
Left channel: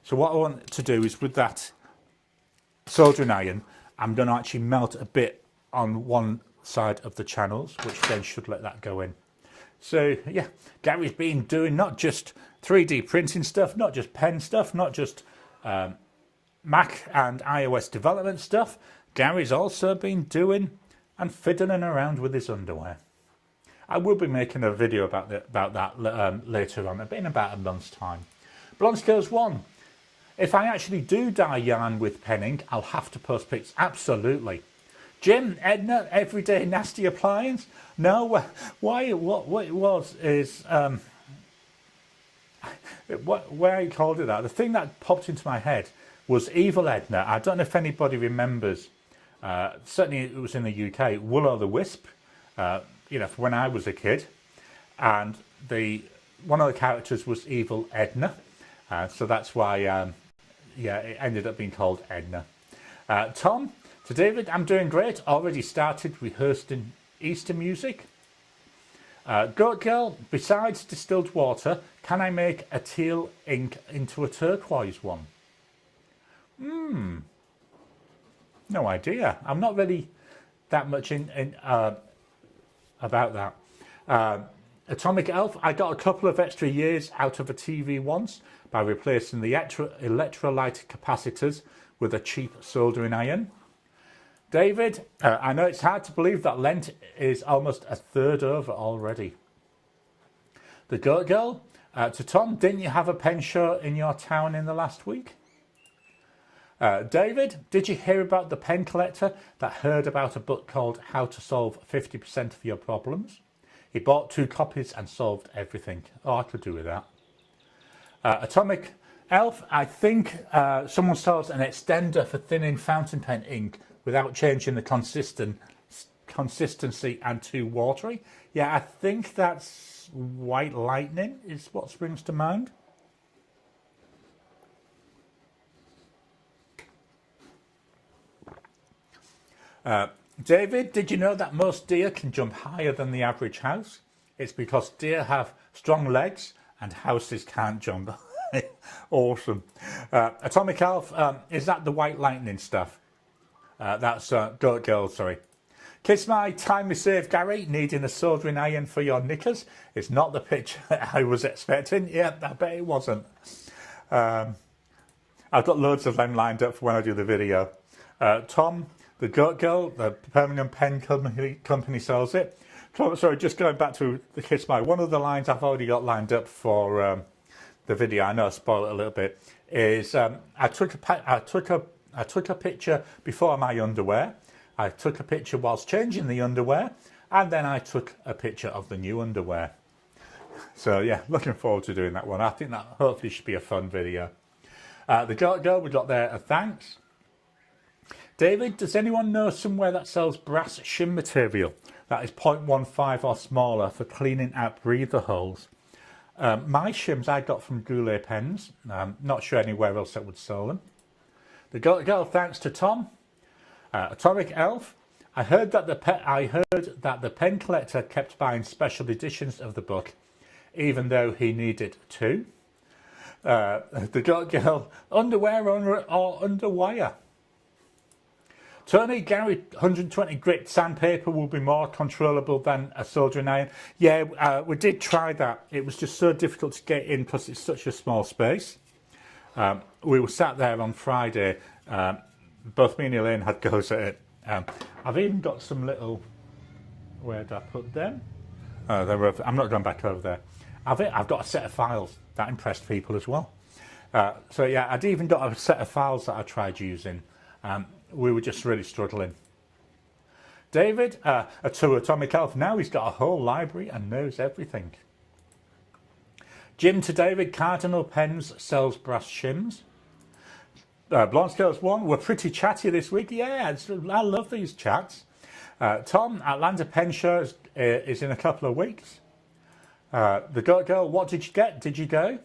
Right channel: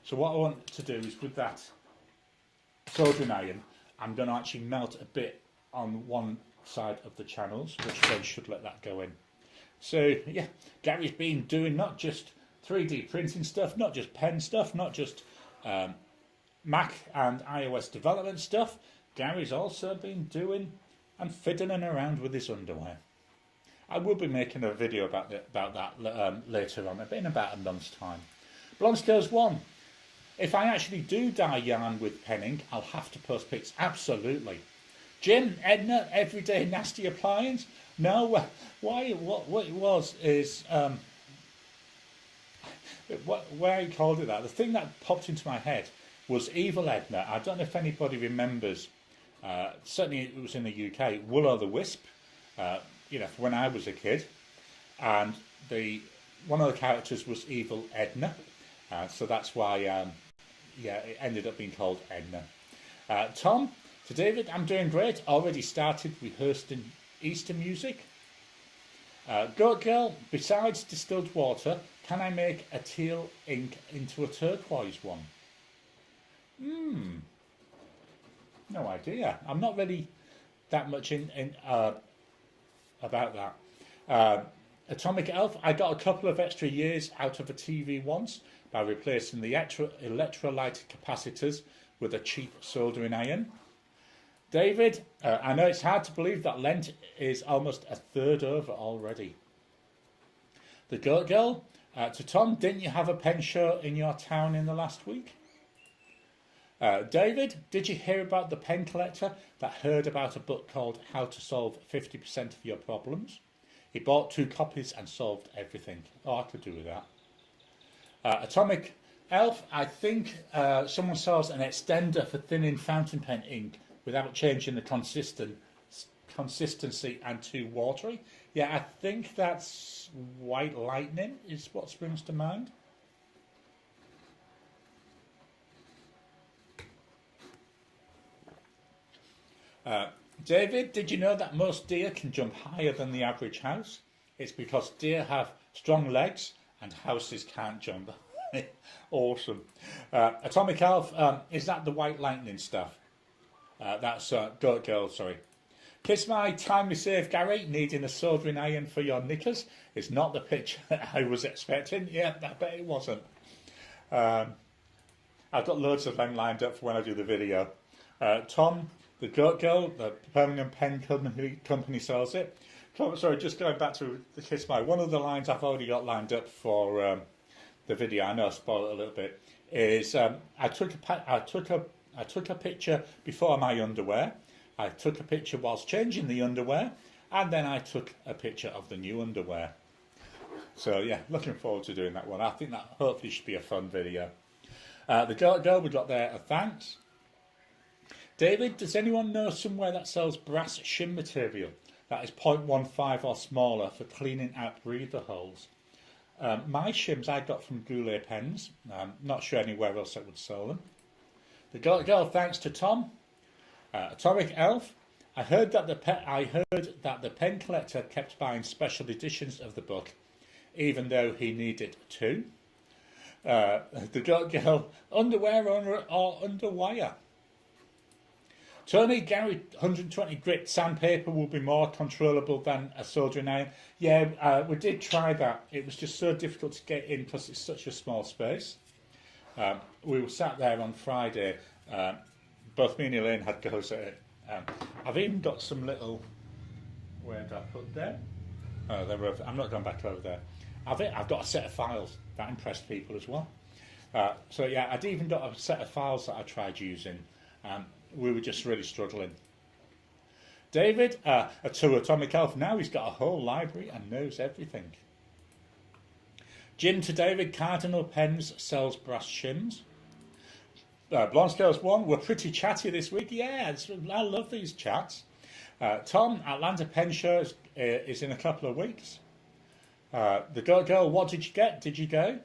So what I want to do is, with that soldering iron, I'm going to actually melt a bit on one side of the channels, which then should let that go in. So yeah, Gary's been doing not just 3D printing stuff, not just pen stuff, not just Mac and iOS development stuff. Gary's also been doing and fiddling around with his underwear. I will be making a video about that later on, in about a month's time. Blonde Scales 1. If I actually do dye yarn with penning, I'll have to post pics. Absolutely. Jim, Edna, Everyday Nasty Appliance. No, what it was is where I called it that. The thing that popped into my head was Evil Edna. I don't know if anybody remembers. Certainly, it was in the UK. Will-O-the-Wisp. For when I was a kid, and one of the characters was Evil Edna. So that's why, it ended up being called Edna. Tom. To David, I'm doing great. Already started rehearsing Easter music. Goat Girl, besides distilled water, can I make a teal ink into a turquoise one? No idea. I'm not really that much in about that. Atomic Elf, I got a couple of extra years out of a TV once by replacing the electrolyte capacitors with a cheap soldering iron. David, I know it's hard to believe that Lent is almost a third over already. The Goat Girl, to Tom, didn't you have a pen show in your town in the last week? David, did you hear about the pen collector that heard about a book called How to Solve 50% of Your Problems? He bought 2 copies and solved everything. Oh, I could do with that. Atomic Elf, I think someone sells an extender for thinning fountain pen ink without changing the consistency and too watery. Yeah, I think that's White Lightning is what springs to mind. David, did you know that most deer can jump higher than the average house? It's because deer have strong legs and houses can't jump. Awesome. Atomic Elf, is that the White Lightning stuff? That's Goat Girl, sorry. Kiss my timely save, Gary, needing a soldering iron for your knickers. It's not the picture I was expecting. Yeah, I bet it wasn't. I've got loads of them lined up for when I do the video. Tom, the Goat Girl, the permanent pen company sells it. Sorry, just going back to the Kiss My. One of the lines I've already got lined up for the video, I know I spoiled it a little bit, is I took a picture before my underwear. I took a picture whilst changing the underwear, and then I took a picture of the new underwear. So yeah, looking forward to doing that one. I think that hopefully should be a fun video. The Goat Girl, we got there a thanks. David, does anyone know somewhere that sells brass shim material that is 0.15 or smaller for cleaning out breather holes? My shims I got from Goulet Pens. Not sure anywhere else that would sell them. The Goat Girl, thanks to Tom. Atomic Elf, I heard that the pen collector kept buying special editions of the book, even though he needed 2. The Goat Girl, underwear or underwire? Tony, Gary, 120 grit sandpaper will be more controllable than a soldering iron. Yeah, we did try that. It was just so difficult to get in because it's such a small space. We were sat there on Friday. Both me and Elaine had goes at it. I've even got some little... Where did I put them? I'm not going back over there. I've got a set of files. That impressed people as well. So yeah, I'd even got a set of files that I tried using. We were just really struggling. David, to Atomic Elf, now he's got a whole library and knows everything. Jim to David, Cardinal Pens sells brass shims. Blonde Scales 1, we're pretty chatty this week. Yeah, I love these chats. Tom, Atlanta Pen Show is in a couple of weeks. The Goat Girl, what did you get? Did you go?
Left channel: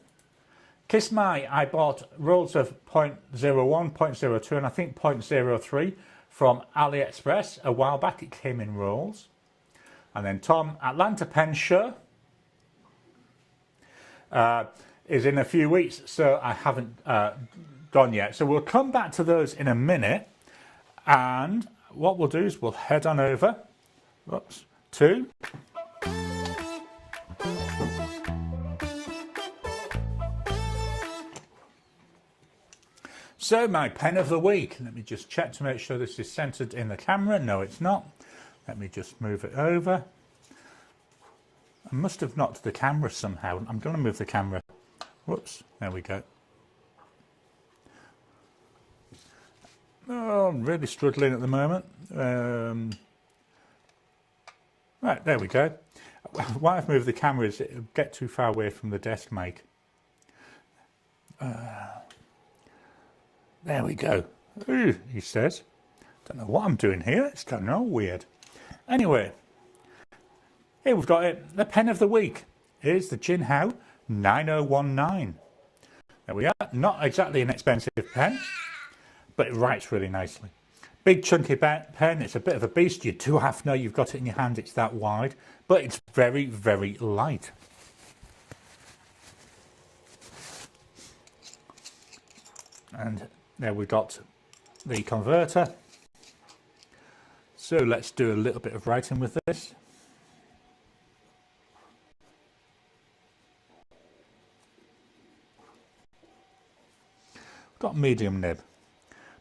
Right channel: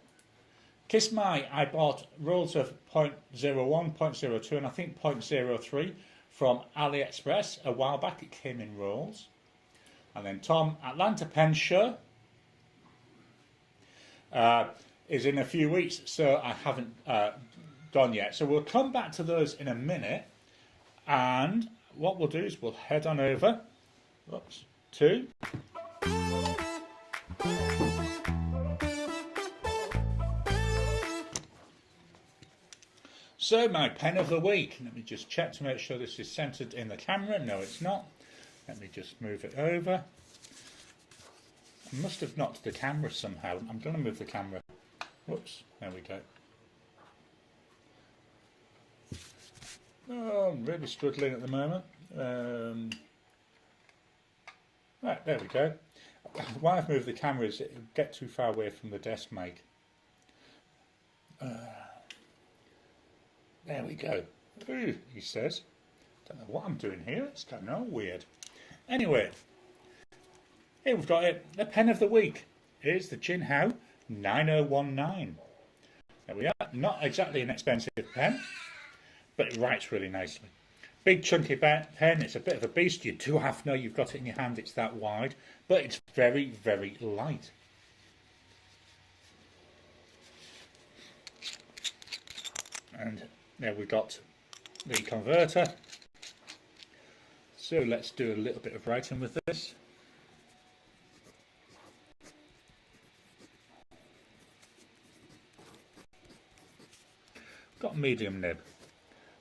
Kiss My, I bought rolls of 0.01, 0.02 and I think 0.03 from AliExpress a while back. It came in rolls. And then Tom, Atlanta Pen Show is in a few weeks, so I haven't gone yet. So we'll come back to those in a minute. And what we'll do is we'll head on over to... So my pen of the week, let me just check to make sure this is centered in the camera. No, it's not. Let me just move it over. I must have knocked the camera somehow. I'm going to move the camera. Whoops, there we go. Oh, I'm really struggling at the moment. Right, there we go. Why I've moved the camera is it'll get too far away from the desk mic. There we go. Ooh, he says. Don't know what I'm doing here. It's kind of all weird. Anyway, here we've got it. The pen of the week. Here's the Jinhao 9019. There we are. Not exactly an expensive pen, but it writes really nicely. Big chunky pen. It's a bit of a beast. You do have to know you've got it in your hand. It's that wide, but it's very, very light. And There we've got the converter. So let's do a little bit of writing with this. We've got medium nib.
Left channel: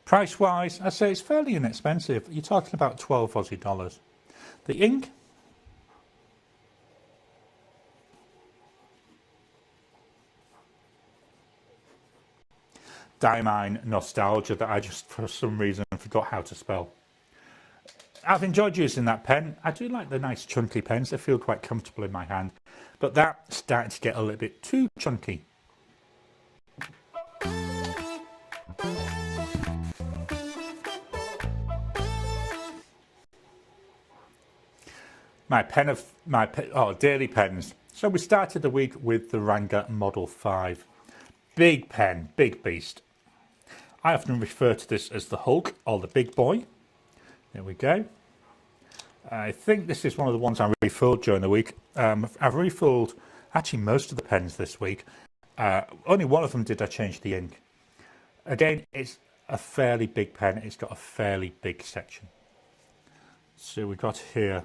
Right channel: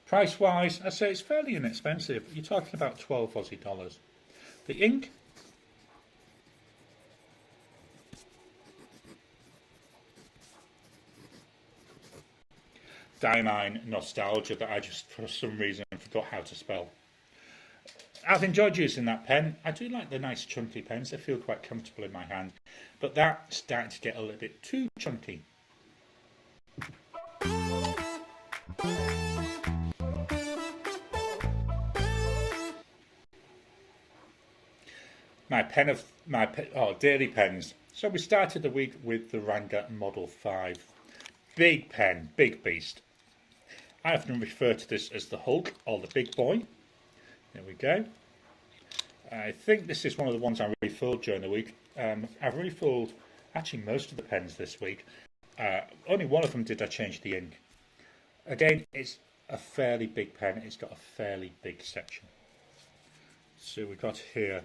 Price wise, I say it's fairly inexpensive. You're talking about 12 Aussie dollars. The ink, Diamine Nostalgia, that I just for some reason forgot how to spell. I've enjoyed using that pen. I do like the nice chunky pens. They feel quite comfortable in my hand. But that's starting to get a little bit too chunky. Daily pens. So we started the week with the Ranga Model 5. Big pen, big beast. I often refer to this as the Hulk or the big boy. There we go. I think this is one of the ones I refilled during the week. I've refilled actually most of the pens this week. Only one of them did I change the ink. Again, it's a fairly big pen. It's got a fairly big section. So we've got here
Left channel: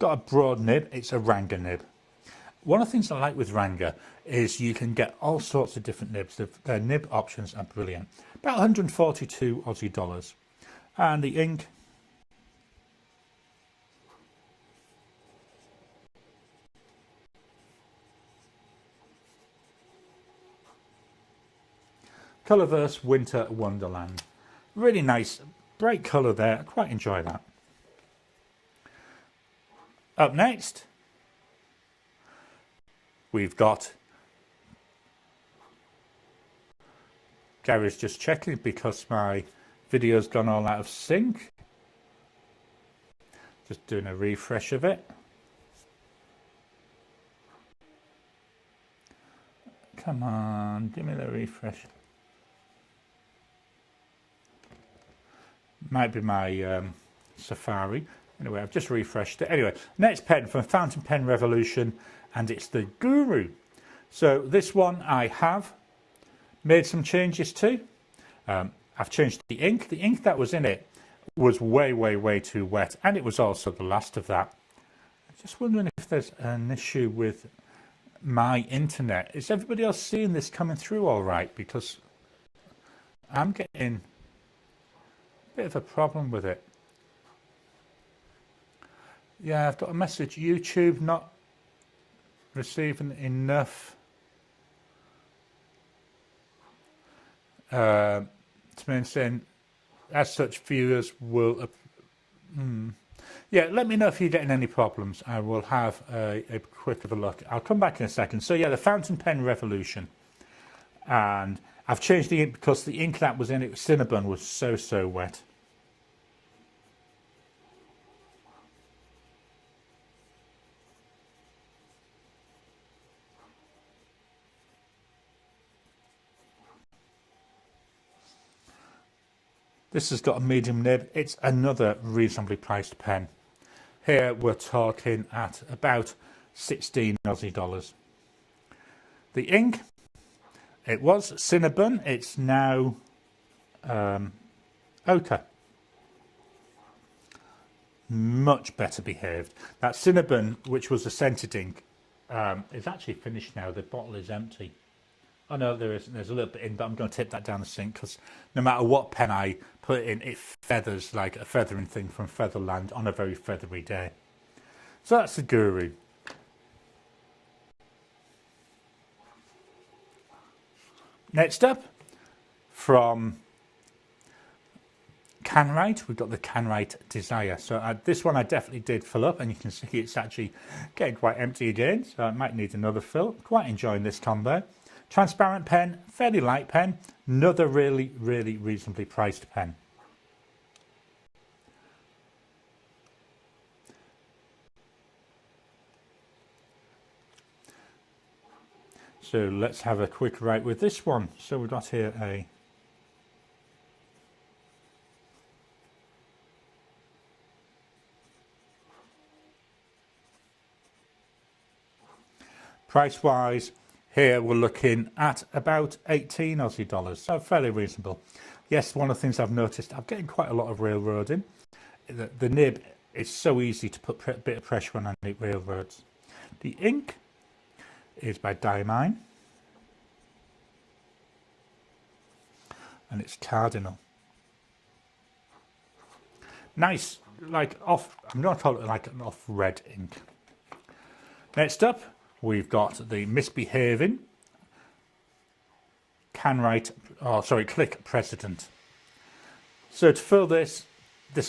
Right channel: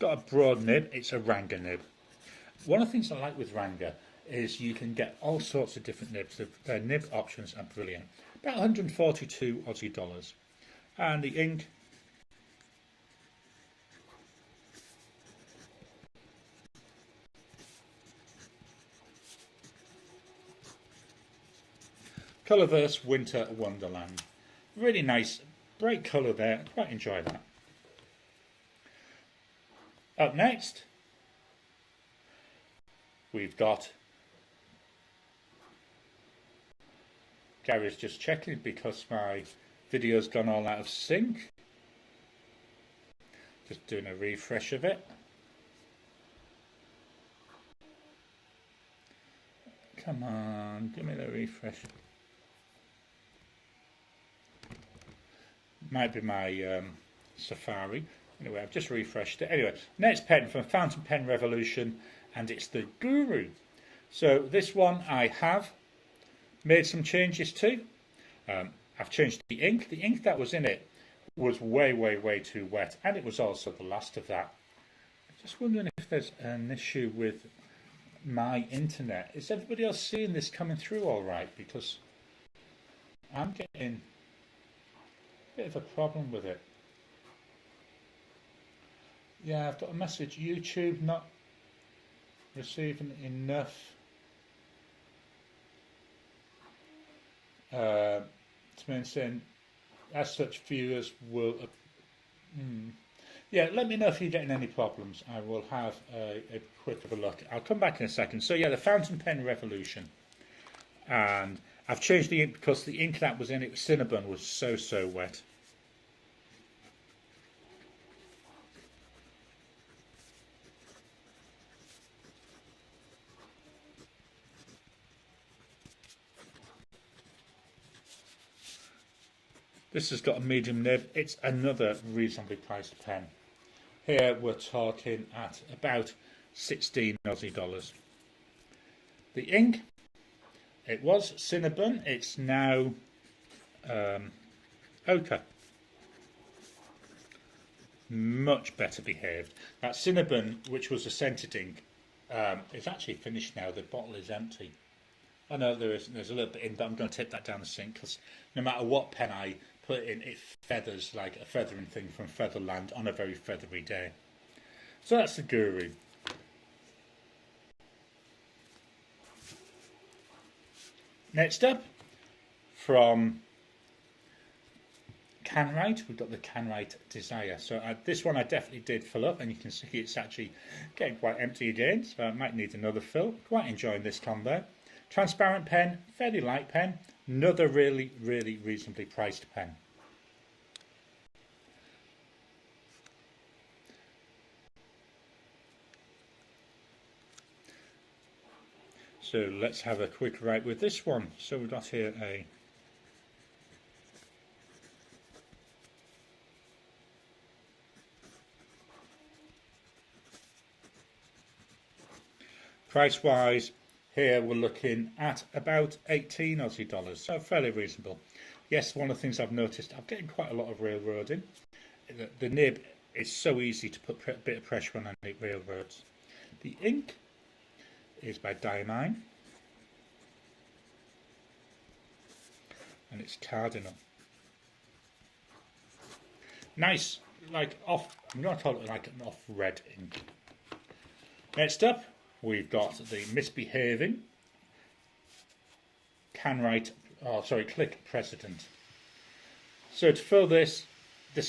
got a broad nib. It's a Ranga nib. One of the things I like with Ranga is you can get all sorts of different nibs. Their nib options are brilliant. About 142 Aussie dollars. And the ink, Colourverse Winter Wonderland. Really nice, bright colour there. I quite enjoy that. Up next, we've got, Gary's just checking because my video's gone all out of sync. Just doing a refresh of it. Come on, give me the refresh. Might be my Safari. Anyway, I've just refreshed it. Anyway, next pen from Fountain Pen Revolution, and it's the Guru. So this one I have made some changes to. I've changed the ink. The ink that was in it was way too wet, and it was also the last of that. I'm just wondering if there's an issue with my internet. Is everybody else seeing this coming through all right? Because I'm getting a bit of a problem with it. Yeah, I've got a message. YouTube not receiving enough to mean saying as such viewers will yeah, let me know if you're getting any problems. I will have a quick of a look. I'll come back in a second. So yeah, the Fountain Pen Revolution, and I've changed the ink because the ink that was in it, Cinnabon, was so wet. This has got a medium nib. It's another reasonably priced pen. Here we're talking at about 16 Aussie dollars. The ink, it was Cinnabon. It's now ochre. Much better behaved. That Cinnabon, which was a scented ink, is actually finished now. The bottle is empty. Oh no, there's a little bit in, but I'm going to take that down the sink because no matter what pen I put it in, it feathers like a feathering thing from Featherland on a very feathery day. So that's the Guru. Next up, from Canwright, we've got the Canwright Desire. So this one I definitely did fill up, and you can see it's actually getting quite empty again, so I might need another fill. Quite enjoying this combo. Transparent pen, fairly light pen, another really reasonably priced pen. So let's have a quick write with this one. So we've got here a Price wise, here we're looking at about 18 Aussie dollars, so fairly reasonable. Yes, one of the things I've noticed, I'm getting quite a lot of railroading. The nib is so easy to put a bit of pressure on and it railroads. The ink is by Diamine, and it's Cardinal. Nice, like off, I'm not talking like an off red ink. Next up, we've got the Misbehaving Click President. So to fill this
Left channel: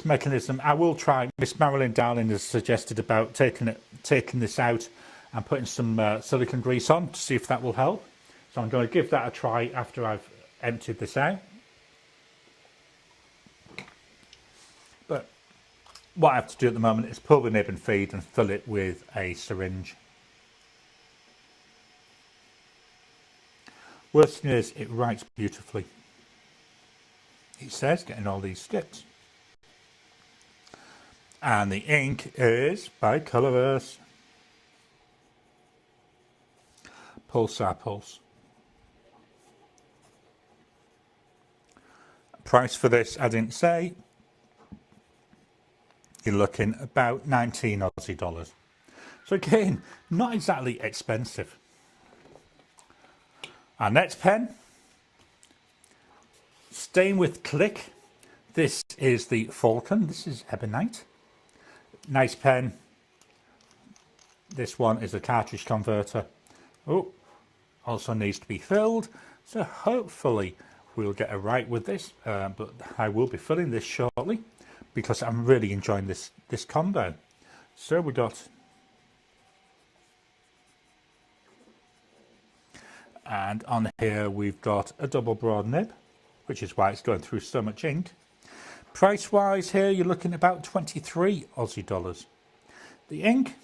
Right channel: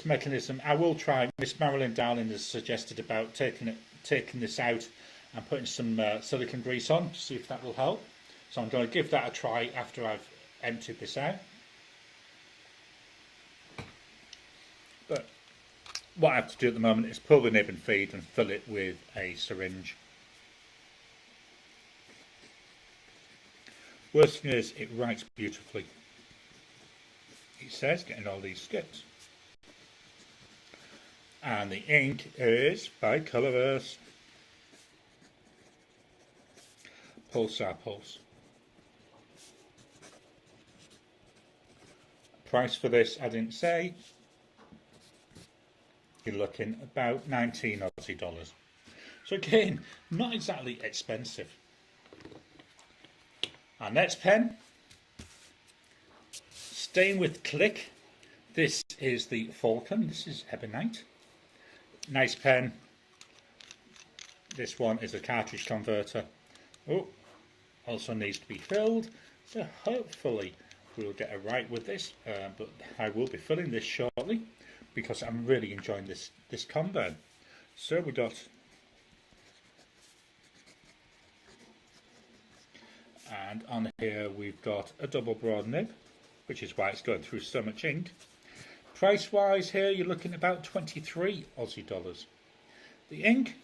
mechanism, I will try. Miss Marilyn Darling has suggested about taking this out and putting some silicone grease on to see if that will help. So I'm going to give that a try after I've emptied this out. But what I have to do at the moment is pull the nib and feed and fill it with a syringe. Worst thing is, it writes beautifully. It says, getting all these skips. And the ink is by Colorverse. Pulsar Pulse. Price for this, I didn't say. You're looking about 19 Aussie dollars. So again, not exactly expensive. Our next pen, staying with Click. This is the Falcon. This is Ebonite. Nice pen. This one is a cartridge converter. Oh, also needs to be filled. So hopefully we'll get a right with this. But I will be filling this shortly, because I'm really enjoying this combo. So we got, and on here we've got a double broad nib, which is why it's going through so much ink. Price wise here, you're looking at about 23 Aussie dollars. The ink,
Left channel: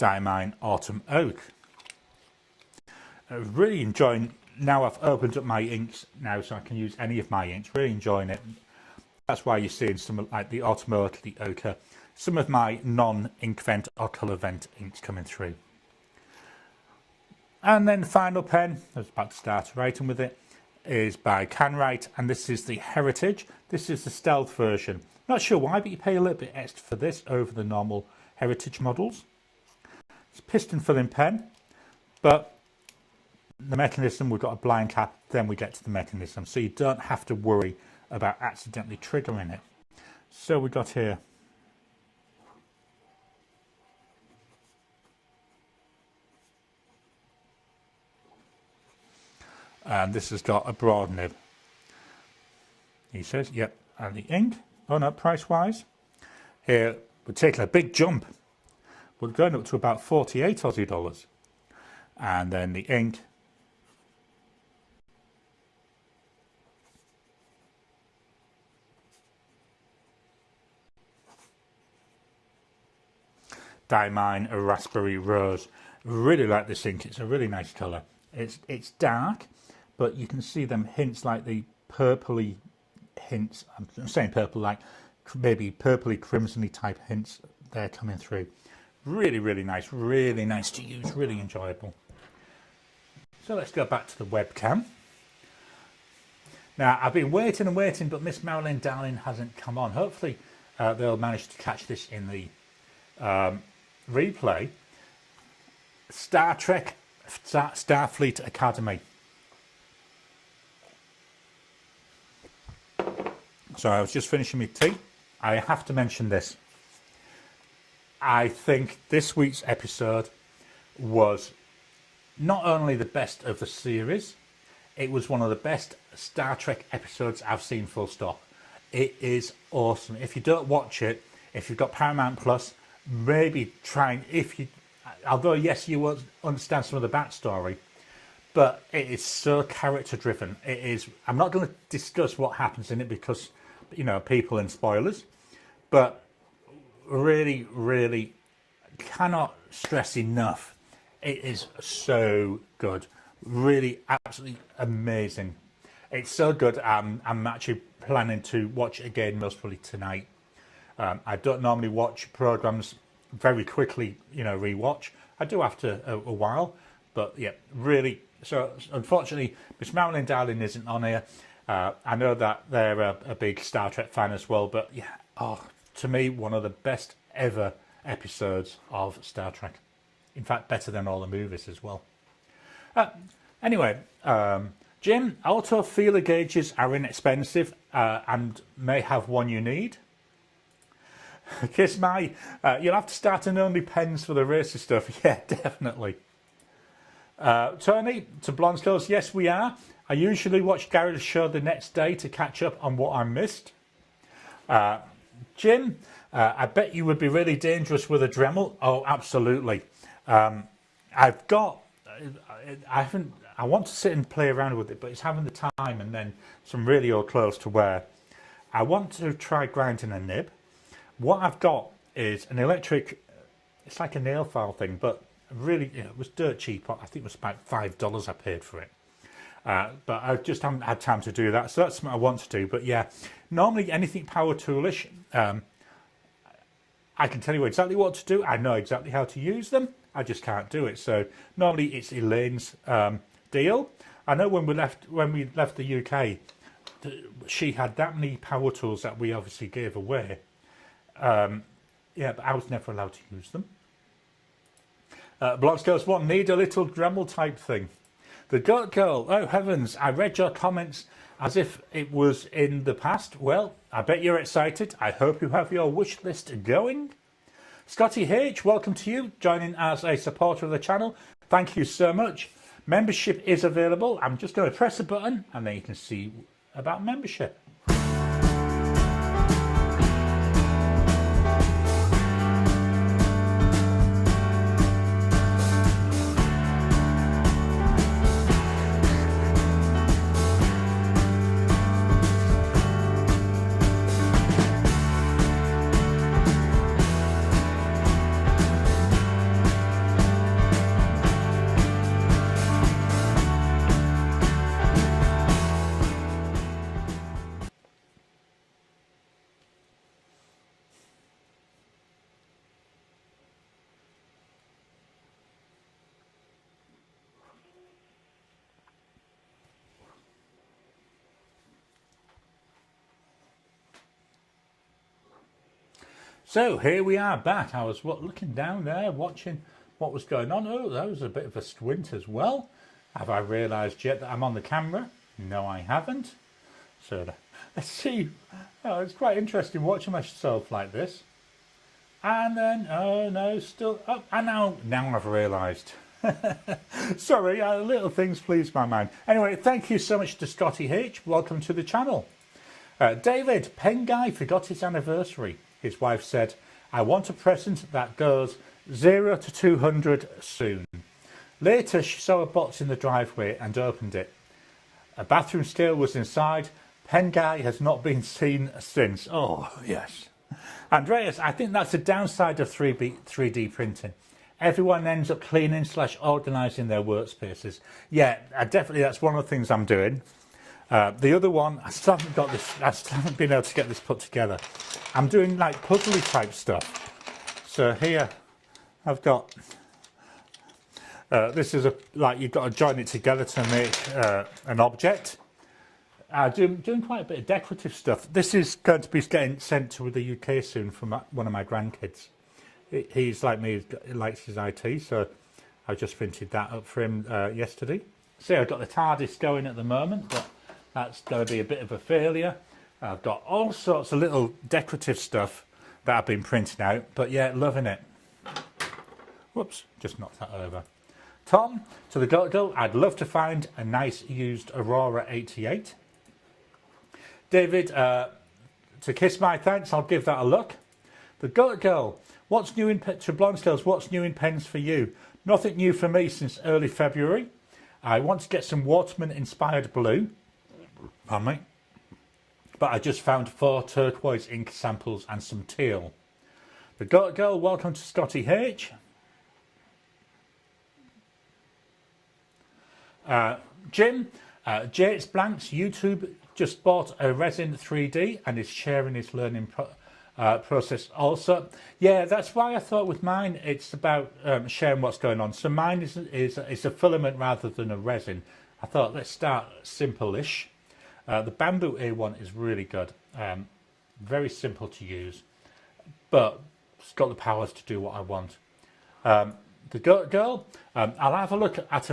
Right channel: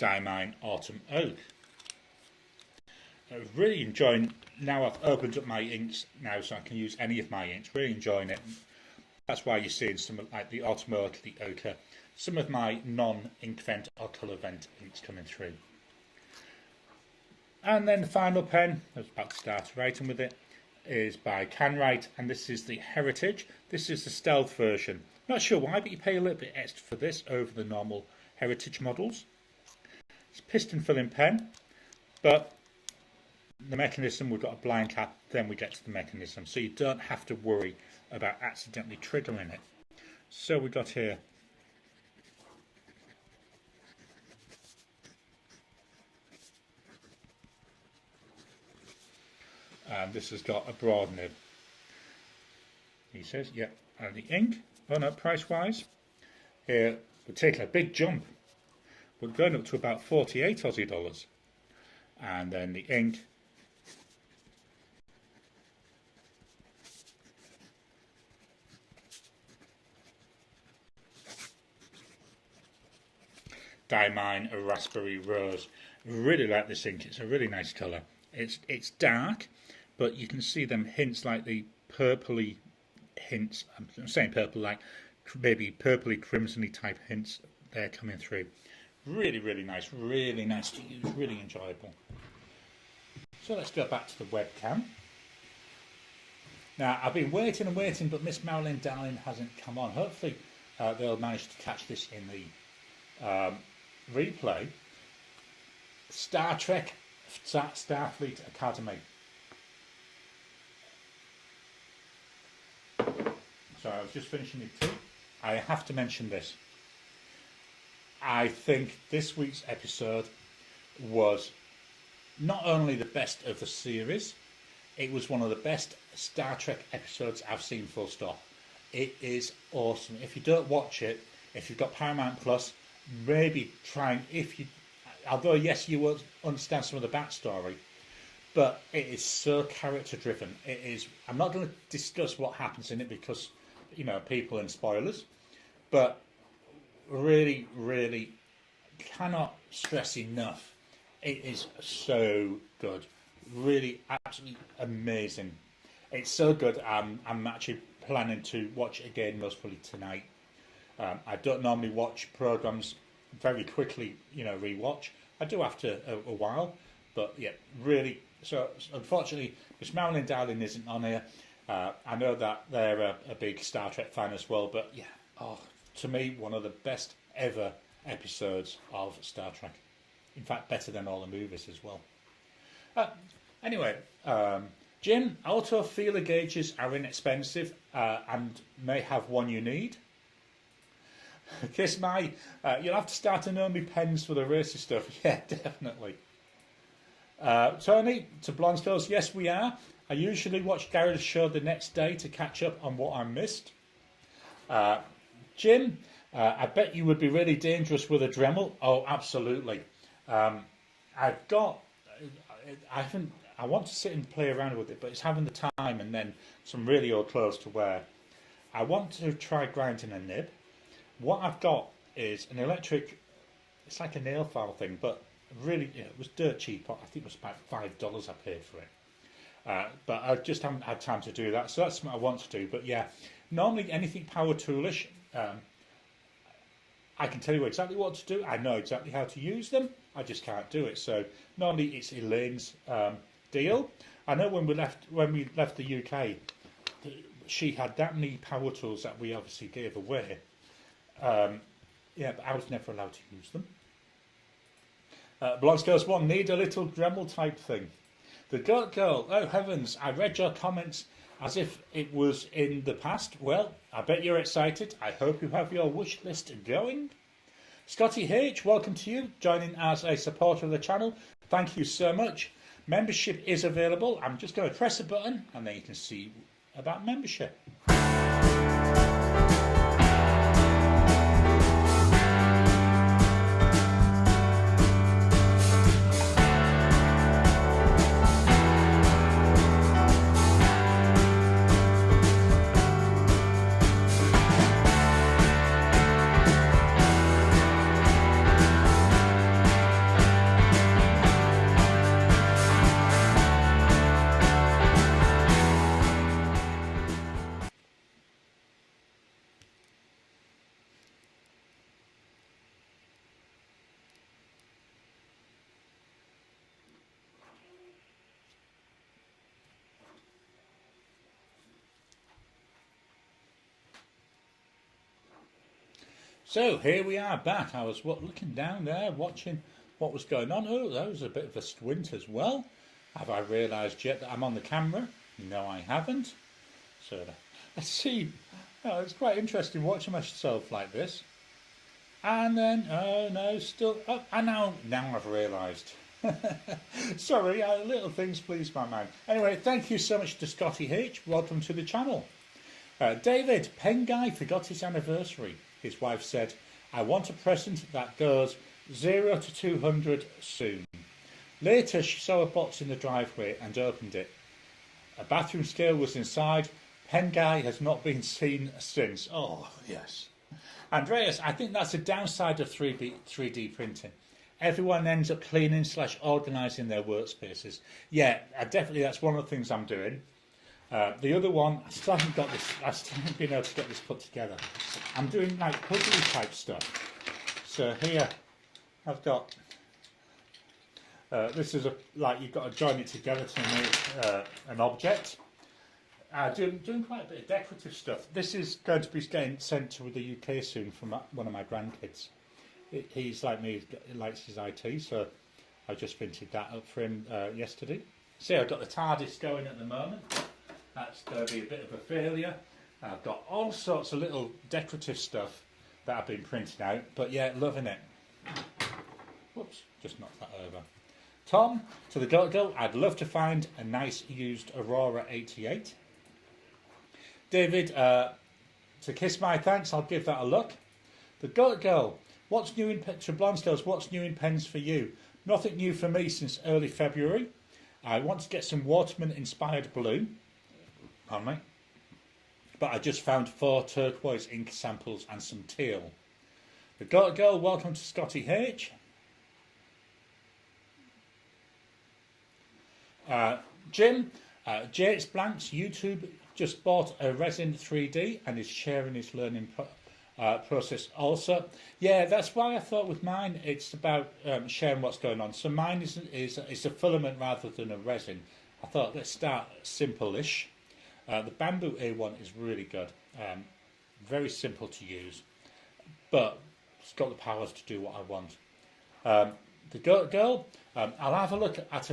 Diamine Autumn Oak. Really enjoying, now I've opened up my inks now so I can use any of my inks, really enjoying it. That's why you're seeing some of like the Autumn Oak, the Ochre, some of my non-ink vent or colour vent inks coming through. And then the final pen, I was about to start writing with it, is by Canwrite, and this is the Heritage. This is the stealth version. Not sure why, but you pay a little bit extra for this over the normal Heritage models. It's a piston filling pen, but the mechanism, we've got a blind cap, then we get to the mechanism, so you don't have to worry about accidentally triggering it. So we got here and this has got a broad nib. He says, yep, and the ink, oh no, price wise, here we're taking a big jump. We're going up to about 48 Aussie dollars. And then the ink, Diamine a Raspberry Rose. Really like this ink, it's a really nice colour. It's dark, but you can see them hints, like the purpley hints. I'm saying purple, like maybe purpley crimsony type hints there coming through. Really nice to use, really enjoyable. So let's go back to the webcam. Now I've been waiting and waiting, but Miss Marilyn Darling hasn't come on. Hopefully they'll manage to catch this in the replay. Star Trek Starfleet Academy. So I was just finishing my tea. I have to mention this. I think this week's episode was not only the best of the series, it was one of the best Star Trek episodes I've seen, full stop. It is awesome. If you don't watch it, if you've got Paramount Plus, maybe try, although yes, you won't understand some of the backstory, but it is so character driven. It is, I'm not going to discuss what happens in it because, you know, people and spoilers, but really cannot stress enough, it is so good. Really absolutely amazing. It's so good. I'm actually planning to watch it again, most probably tonight. I don't normally watch programs very quickly, you know, rewatch. I do after a while, but yeah, really. So unfortunately, Miss Marilyn Darling isn't on here. I know that they're a big Star Trek fan as well, but yeah, to me, one of the best ever episodes of Star Trek. In fact, better than all the movies as well. Anyway, Jim, auto feeler gauges are inexpensive and may have one you need. Kiss my, you'll have to start an only pens for the racer stuff. Yeah, definitely. Tony, to Blonde Skills, yes we are. I usually watch Gary's show the next day to catch up on what I missed. Jim, I bet you would be really dangerous with a Dremel. Oh, absolutely. I want to sit and play around with it, but it's having the time and then some really old clothes to wear. I want to try grinding a nib. What I've got is an electric, it's like a nail file thing, but really, you know, it was dirt cheap. I think it was about $5 I paid for it. But I just haven't had time to do that. So that's what I want to do. But yeah, normally anything power toolish, I can tell you exactly what to do. I know exactly how to use them. I just can't do it. So normally it's Elaine's deal. I know when we left the UK, she had that many power tools that we obviously gave away. Yeah, but I was never allowed to use them. Blonde Girls won't need a little Dremel type thing. The Goat Girl, oh heavens, I read your comments as if it was in the past. Well, I bet you're excited. I hope you have your wish list going. Scotty H, welcome to you, joining as a supporter of the channel. Thank you so much. Membership is available. I'm just going to press a button and then you can see about membership. So here we are back. I was looking down there, watching what was going on. Oh, that was a bit of a squint as well. Have I realised yet that I'm on the camera? No, I haven't. So let's see. Oh, it's quite interesting watching myself like this. And then, oh no, still up. And now I've realised. Sorry, little things please my mind. Anyway, thank you so much to Scotty H. Welcome to the channel. David, Pen Guy forgot his anniversary. His wife said, I want a present that goes 0 to 200 soon. Later, she saw a box in the driveway and opened it. A bathroom scale was inside. Pen Guy has not been seen since. Oh, yes. Andreas, I think that's a downside of 3D printing. Everyone ends up cleaning / organising their workspaces. Yeah, definitely that's one of the things I'm doing. The other one, I still haven't been able to get this put together. I'm doing like puzzly type stuff. So here I've got, this is like you've got to join it together to make an object. Doing quite a bit of decorative stuff. This is going to be getting sent to the UK soon from one of my grandkids. He's like me, he likes his IT, so I just printed that up for him yesterday. See, I've got the TARDIS going at the moment, but that's going to be a bit of a failure. I've got all sorts of little decorative stuff that I've been printing out, but yeah, loving it. Whoops, just knocked that over. Tom, to the Goat Girl, I'd love to find a nice used Aurora 88. David, to Kiss My Thanks, I'll give that a look. The Goat Girl, what's new in to Blonde Skills, what's new in pens for you? Nothing new for me since early February. I want to get some Waterman inspired blue. Pardon me. But I just found 4 turquoise ink samples and some teal. The Goat Girl, welcome to Scotty H. Jim, Jates Blanks YouTube just bought a resin 3D and is sharing his learning process also. Yeah, that's why I thought with mine it's about sharing what's going on. So mine is a filament rather than a resin. I thought let's start simple-ish. The bamboo A1 is really good, very simple to use, but it's got the powers to do what I want. The girl, I'll have a look at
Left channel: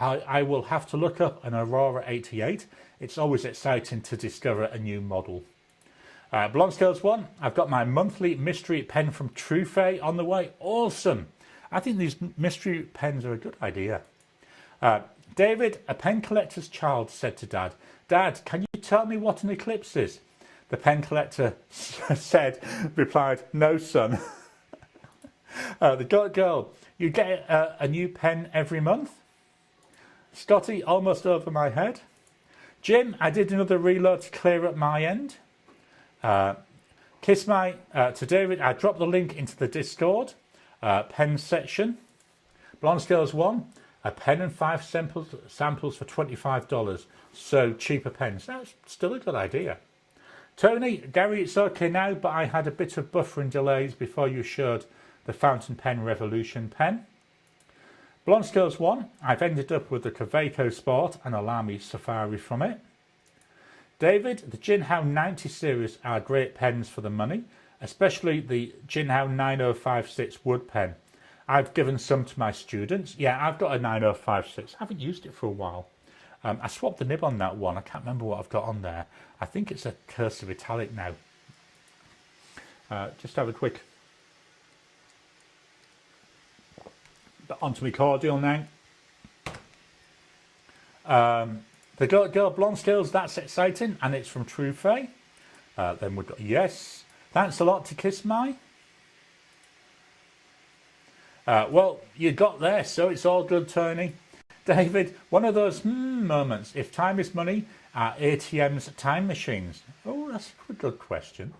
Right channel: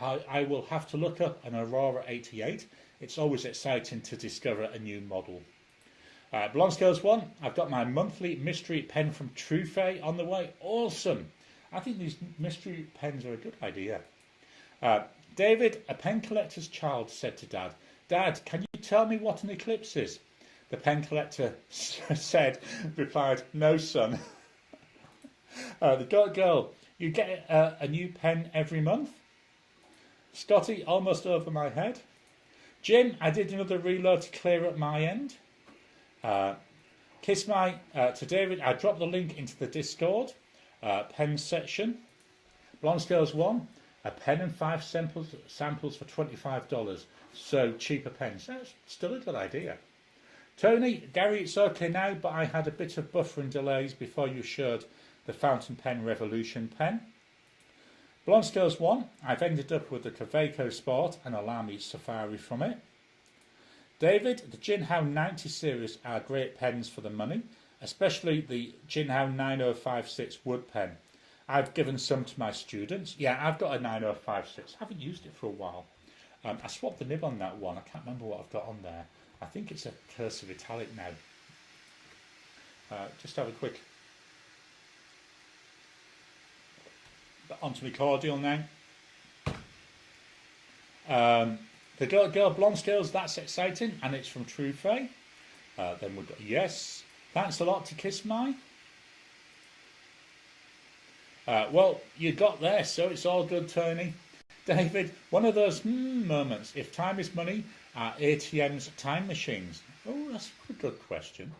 I will have to look up an Aurora 88. It's always exciting to discover a new model. Blonde Scales 1, I've got my monthly mystery pen from Truffet on the way. Awesome. I think these mystery pens are a good idea. David, a pen collector's child, said to Dad, Dad, can you tell me what an eclipse is? The pen collector replied, no, son. The girl, you get a new pen every month? Scotty, almost over my head. Jim, I did another reload to clear up my end. Kiss my to David, I dropped the link into the Discord pen section. Blonde Scales 1, a pen and 5 samples for $25. So cheaper pens. That's still a good idea. Tony, Gary, it's okay now, but I had a bit of buffering delays before you showed the fountain pen Revolution pen. Blonde Scales 1, I've ended up with the Kaweco Sport and a Lamy Safari from it. David, the Jinhao 90 series are great pens for the money, especially the Jinhao 9056 wood pen. I've given some to my students. Yeah, I've got a 9056. I haven't used it for a while. I swapped the nib on that one. I can't remember what I've got on there. I think it's a cursive italic now. Just have a quick... onto my cordial now. The girl Blonde Scales, that's exciting, and it's from Truffet. Then we've got, yes, thanks a lot to Kiss My. Well, you got there, so it's all good, Tony. David, one of those moments. If time is money, are ATMs time machines? Oh, that's a good question.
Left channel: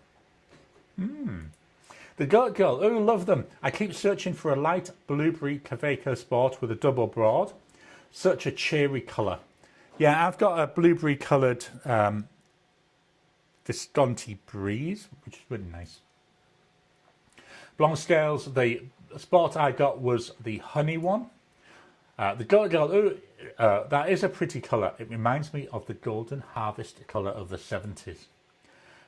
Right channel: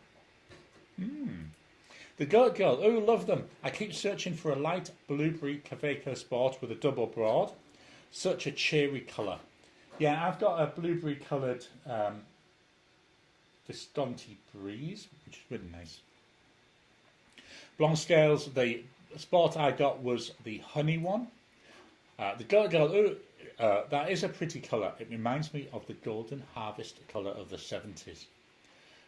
The Goat Girl, oh, love them. I keep searching for a light blueberry Kaweco Sport with a double broad. Such a cheery colour. Yeah, I've got a blueberry coloured Visconti Breeze, which is really nice. Blonde Scales, the Sport I got was the honey one. The Goat Girl, that is a pretty colour. It reminds me of the Golden Harvest colour of the 70s.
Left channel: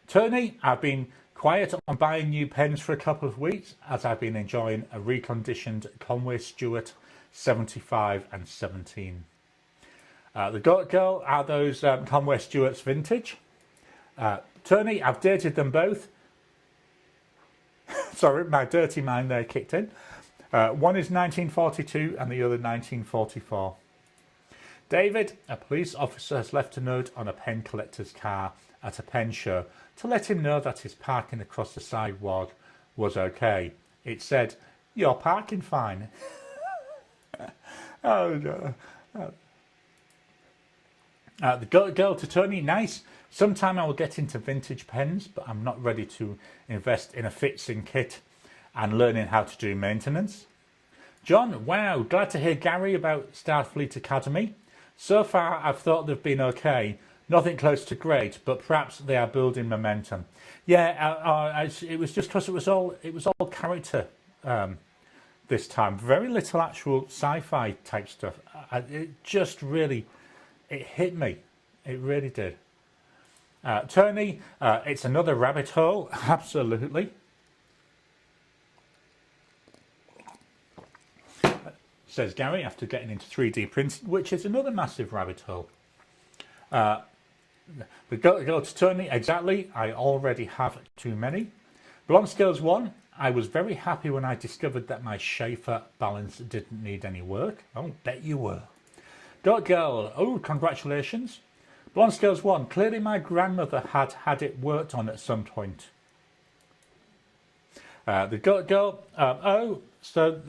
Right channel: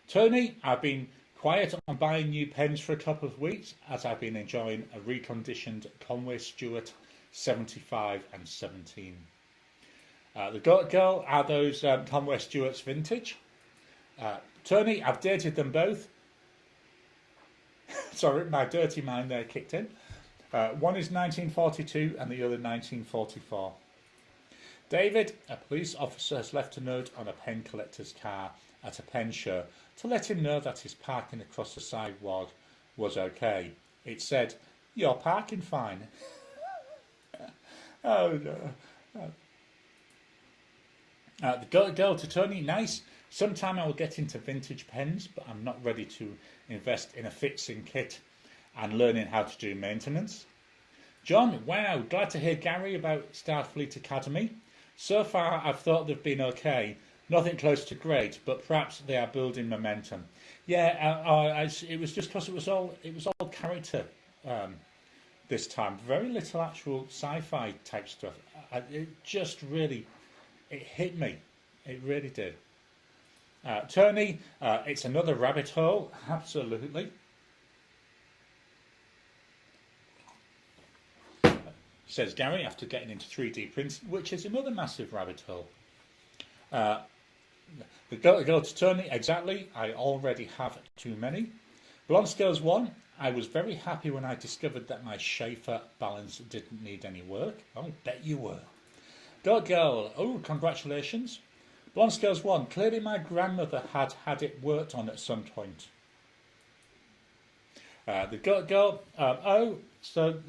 Tony, I've been quiet on buying new pens for a couple of weeks as I've been enjoying a reconditioned Conway Stewart 75 and 17. The Goat Girl are those Conway Stewart's vintage. Tony, I've dated them both. Sorry, my dirty mind there kicked in. One is 1942 and the other 1944. David, a police officer has left a note on a pen collector's car at a pen show to let him know that his parking across the sidewalk was okay. It said, "You're parking fine." Oh no. The girl to Tony, nice. Sometime I will get into vintage pens, but I'm not ready to invest in a fixing kit and learning how to do maintenance. John, wow, glad to hear Gary about Starfleet Academy. So far I've thought they've been okay. Nothing close to great, but perhaps they are building momentum. Yeah, it was just because it was all character this time. Very little actual sci-fi type stuff. It just really, it hit me. It really did. Tony, it's another rabbit hole. Absolutely. Says Gary after getting into 3D printing, which is another massive rabbit hole. The girl to Tony, exactly. I already have too many. Blonde Scales 1, I was very happy when I discovered that my Schaefer balance didn't need any work. Oh, bet you were. Goat Girl, oh, congratulations. Blonde Scales 1, clearly my grandmother had it worked on at some point. The Goat Girl, that's so.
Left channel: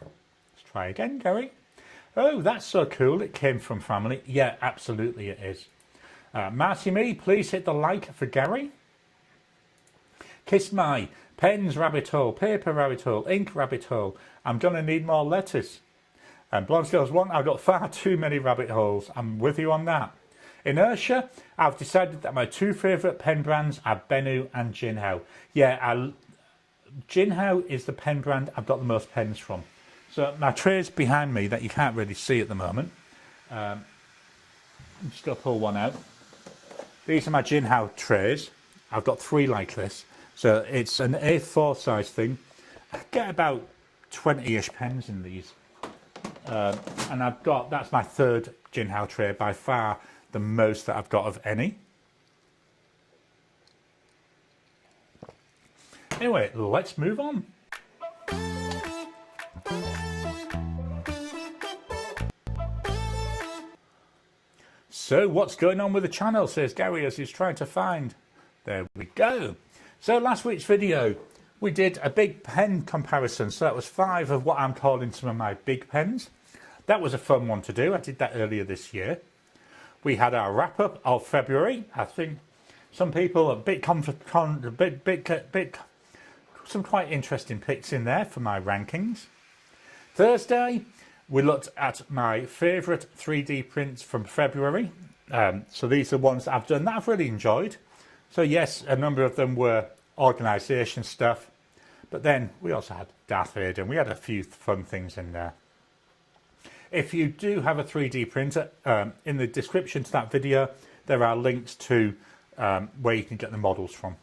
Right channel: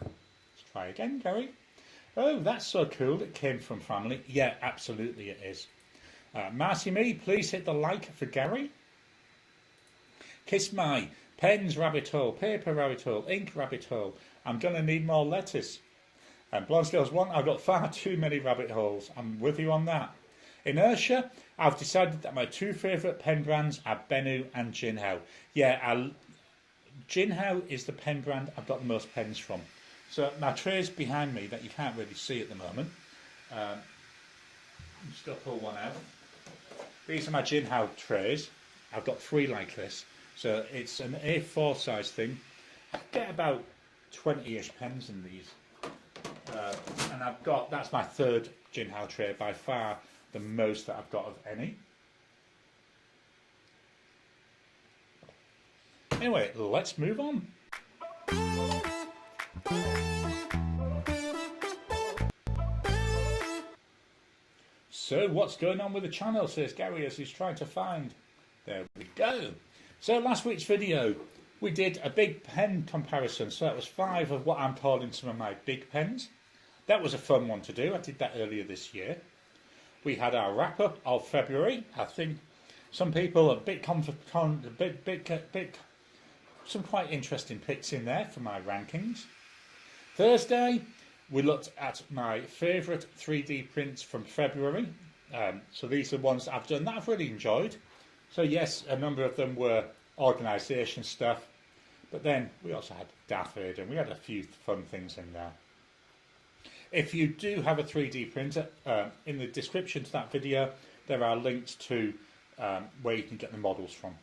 Let's try again, Gary. Oh, that's so cool. It came from family. Yeah, absolutely it is. Marcy Me, please hit the like for Gary. Kiss My, pens rabbit hole, paper rabbit hole, ink rabbit hole. I'm going to need more lettuce. And Blonde Scales 1, I've got far too many rabbit holes. I'm with you on that. Inertia, I've decided that my two favourite pen brands are Bennu and Jinhao. Yeah, Jinhao is the pen brand I've got the most pens from. So my trays behind me that you can't really see at the moment. I'm just going to pull one out. These are my Jinhao trays. I've got 3 like this. So it's an A4 size thing. I get about 20-ish pens in these. And that's my 3rd Jinhao tray, by far the most that I've got of any. Anyway, let's move on. So what's going on with the channel, says Gary as he's trying to find. There we go. So last week's video, we did a big pen comparison. So that was 5 of what I'm calling some of my big pens. That was a fun one to do. I did that earlier this year. We had our wrap up of February. I think some people some quite interesting picks in there for my rankings. Thursday, we looked at my favourite 3D prints from February. So these are ones that I've done that I've really enjoyed. So yes, a number of them were organisation stuff, but then we also had Darth Vader and we had a few fun things in there. If you do have a 3D printer, in the description to that video, there are links to where you can get the models from.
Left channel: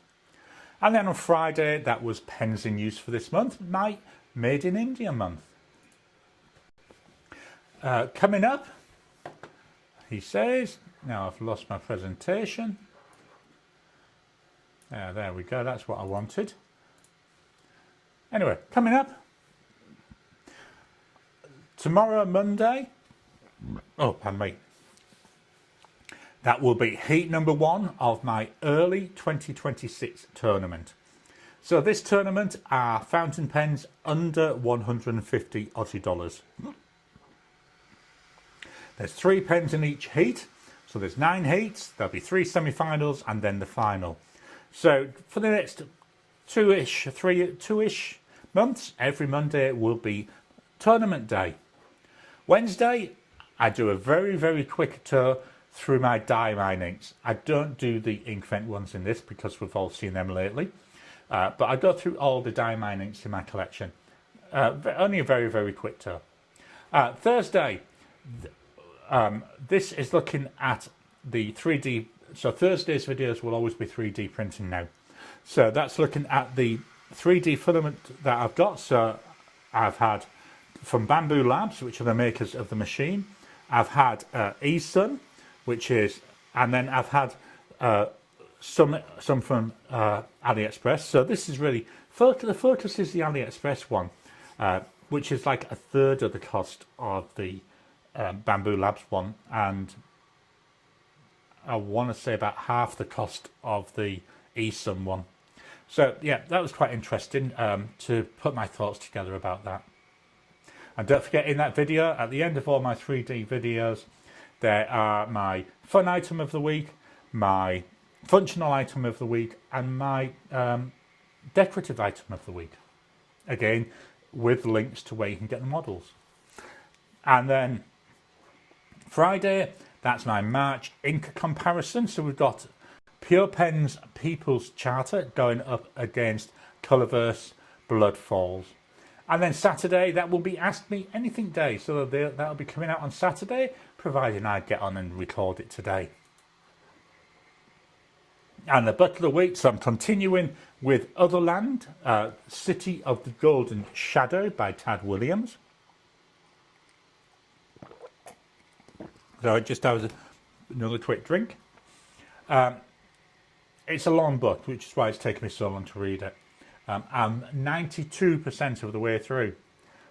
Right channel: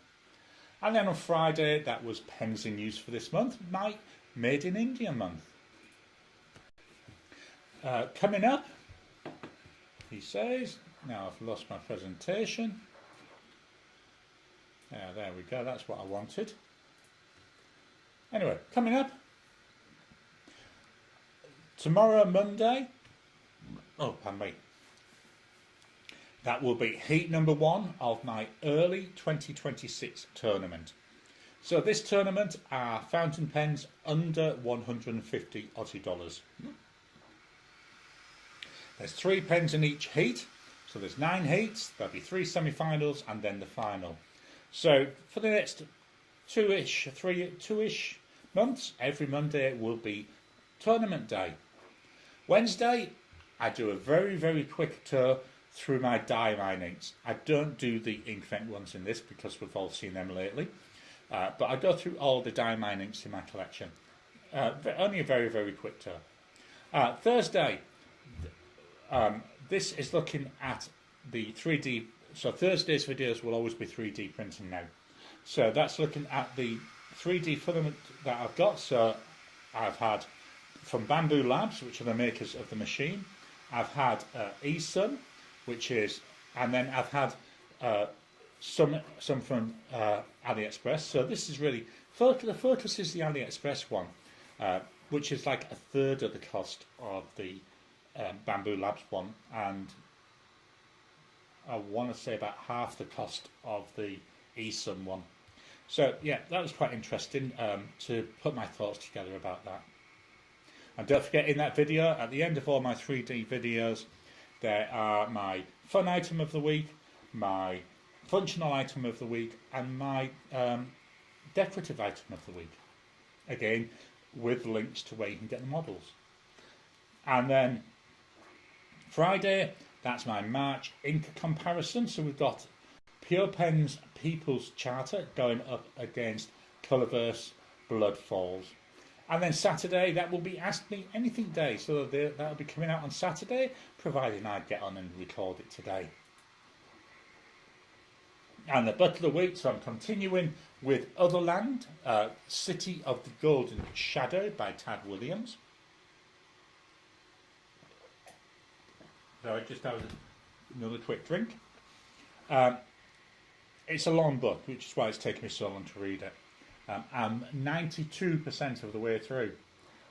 And then on Friday, that was pens in use for this month, my Made in India month. Coming up, he says, now I've lost my presentation. There we go, that's what I wanted. Anyway, coming up, tomorrow, Monday, oh, pardon me, that will be heat number 1 of my early 2026 tournament. So this tournament are fountain pens under 150 Aussie dollars. There's 3 pens in each heat, so there's 9 heats, there'll be 3 semi-finals and then the final. So for the next 2-ish months, every Monday will be tournament day. Wednesday, I do a very, very quick tour through my die-mine inks. I don't do the Inkvent ones in this because we've all seen them lately. But I go through all the die-mine inks in my collection. Only a very, very quick tour. Thursday, this is looking at the 3D. So Thursday's videos will always be 3D printing now. So that's looking at the 3D filament that I've got. So I've had from Bamboo Labs, which are the makers of the machine. I've had eSun, which is, and then I've had some from AliExpress. So this is really, the focus is the AliExpress one, which is like a third of the cost of the Bamboo Labs one, and I want to say about half the cost of the eSun one. So yeah, that was quite interesting to put my thoughts together about that. And don't forget, in that video, at the end of all my 3D videos, there are my fun item of the week, my functional item of the week, and my decorative item of the week. Again, with links to where you can get the models. And then Friday, that's my March ink comparison. So we've got Pure Pen's People's Charter going up against Colourverse Blood Falls. And then Saturday, that will be Ask Me Anything Day. So that'll be coming out on Saturday, providing I get on and record it today. And the book of the week, so I'm continuing with Otherland, City of the Golden Shadow by Tad Williams. So I just have another quick drink. It's a long book, which is why it's taken me so long to read it. I'm 92% of the way through.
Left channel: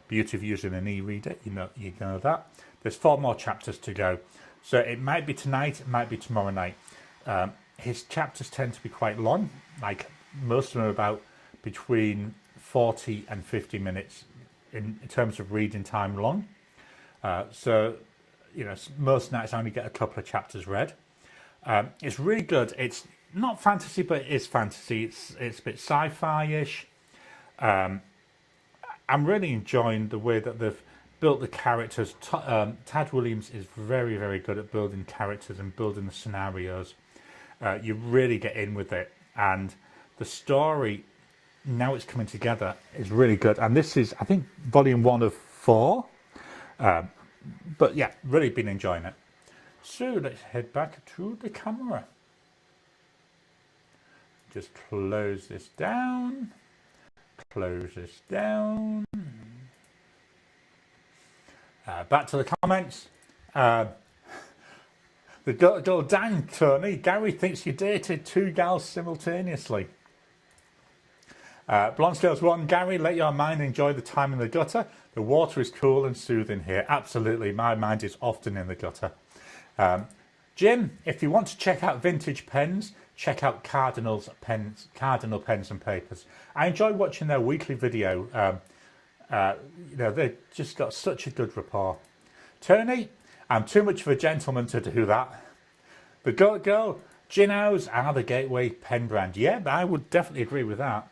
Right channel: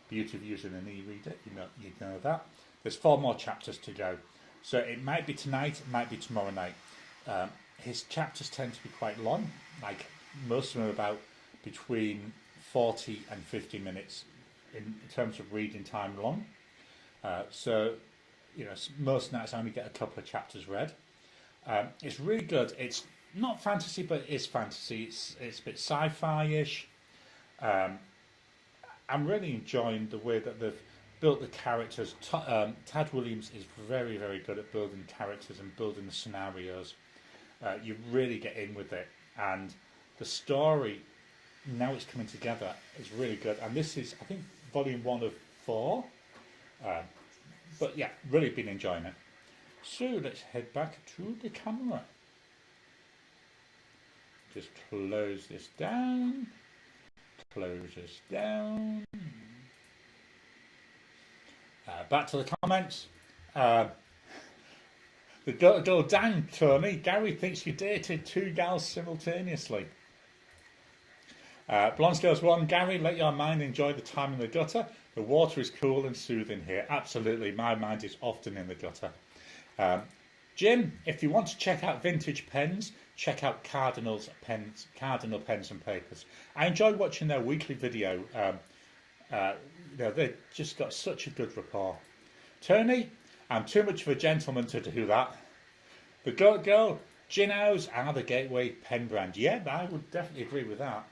Beauty of using an e-reader, you know that. There's 4 more chapters to go. So it might be tonight, it might be tomorrow night. His chapters tend to be quite long. Like most of them are about between 40 and 50 minutes in terms of reading time long. So, you know, most nights I only get a couple of chapters read. It's really good. It's not fantasy, but it is fantasy. It's a bit sci-fi-ish. I'm really enjoying the way that they've built the characters. Tad Williams is very, very good at building characters and building the scenarios. You really get in with it, and the story, now it's coming together, is really good. And this is, I think, volume 1 of 4. But yeah, really been enjoying it. So let's head back to the camera. Just close this down. Close this down. Back to the comments. The girl, dang, Tony, Gary thinks you dated 2 gals simultaneously. Blonde Scales 1, Gary, let your mind enjoy the time in the gutter. The water is cool and soothing here. Absolutely, my mind is often in the gutter. Jim, if you want to check out vintage pens, check out Cardinal Pens and Papers. I enjoy watching their weekly video. You know, they've just got such a good rapport. Tony, I'm too much of a gentleman to do that. The Goat Girl, Gin House are the gateway pen brand. Yeah, I would definitely agree with that.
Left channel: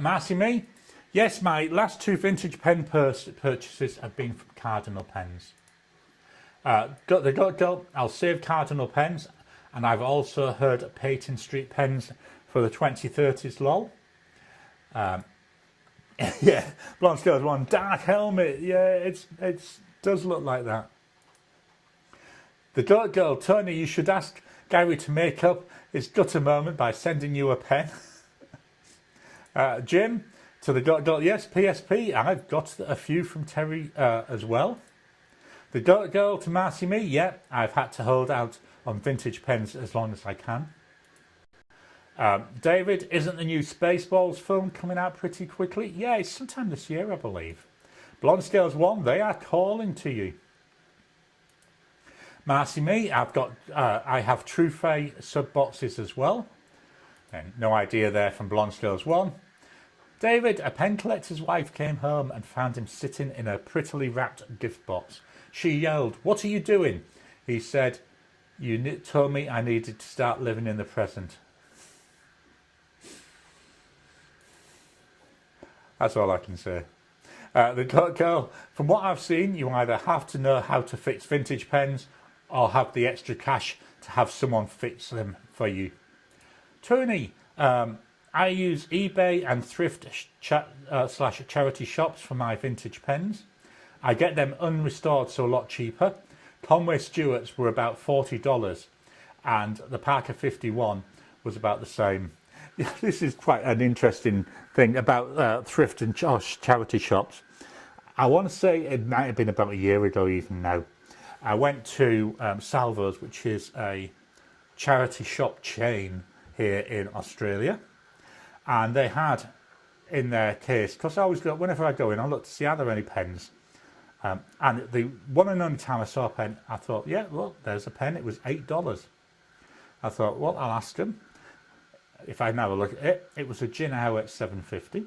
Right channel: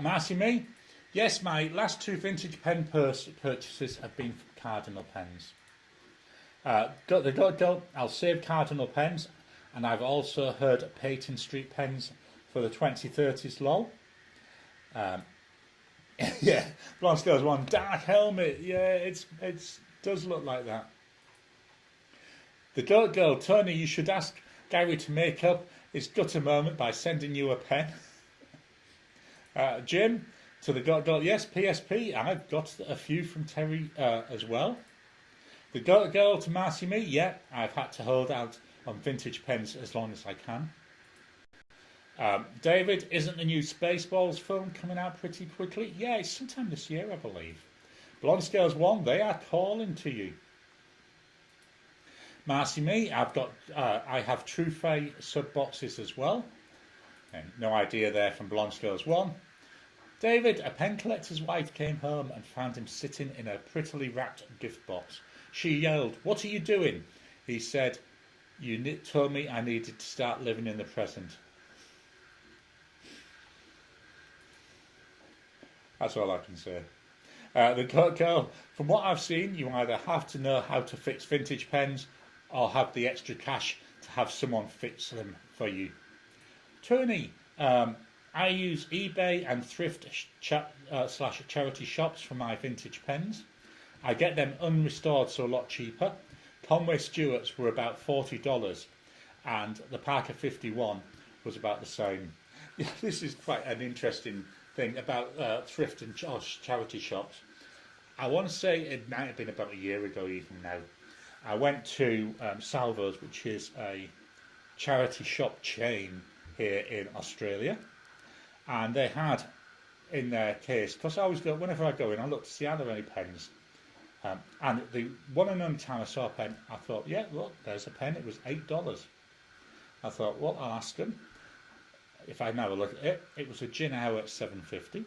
Marcy Me, yes, my last 2 vintage pen purchases have been from Cardinal Pens. The Goat Girl, I'll save Cardinal Pens, and I've also heard Peyton Street Pens for the 2030s lol. Yeah, Blonde Scales 1, Dark Helmet, yeah, it does look like that. The Goat Girl, Tony, you should ask Gary to make up his gutter moment by sending you a pen. Jim, to the Goat Girl, yes, PSP, I've got a few from Terry as well. The Goat Girl, to Marcy Me, yeah, I've had to hold out on vintage pens as long as I can. David, isn't the new Spaceballs film coming out pretty quickly? Yeah, it's sometime this year, I believe. Blonde Scales 1, they are calling to you. Marcy Me, I have Trufe sub boxes as well. And no idea there from Blonde Scales 1. David, a pen collector's wife came home and found him sitting in a prettily wrapped gift box. She yelled, "What are you doing?" He said, "You told me I needed to start living in the present." That's all I can say. The Girl, from what I've seen, you either have to know how to fix vintage pens or have the extra cash to have someone fix them for you. Tony, I use eBay and thrift slash charity shops for my vintage pens. I get them unrestored, so a lot cheaper. Conway Stewart's were about $40 and the Parker 51 was about the same. This is quite an interesting thing about thrift and charity shops. I want to say it might have been about a year ago even now. I went to Salvo's, which is a charity shop chain here in Australia, and they had in their case, because I always go, whenever I go in, I look to see are there any pens. And the one and only time I saw a pen, I thought, yeah, look, there's a pen. It was $8. I thought, well, I'll ask them. If I now look at it, it was a Gin Hour at $7.50.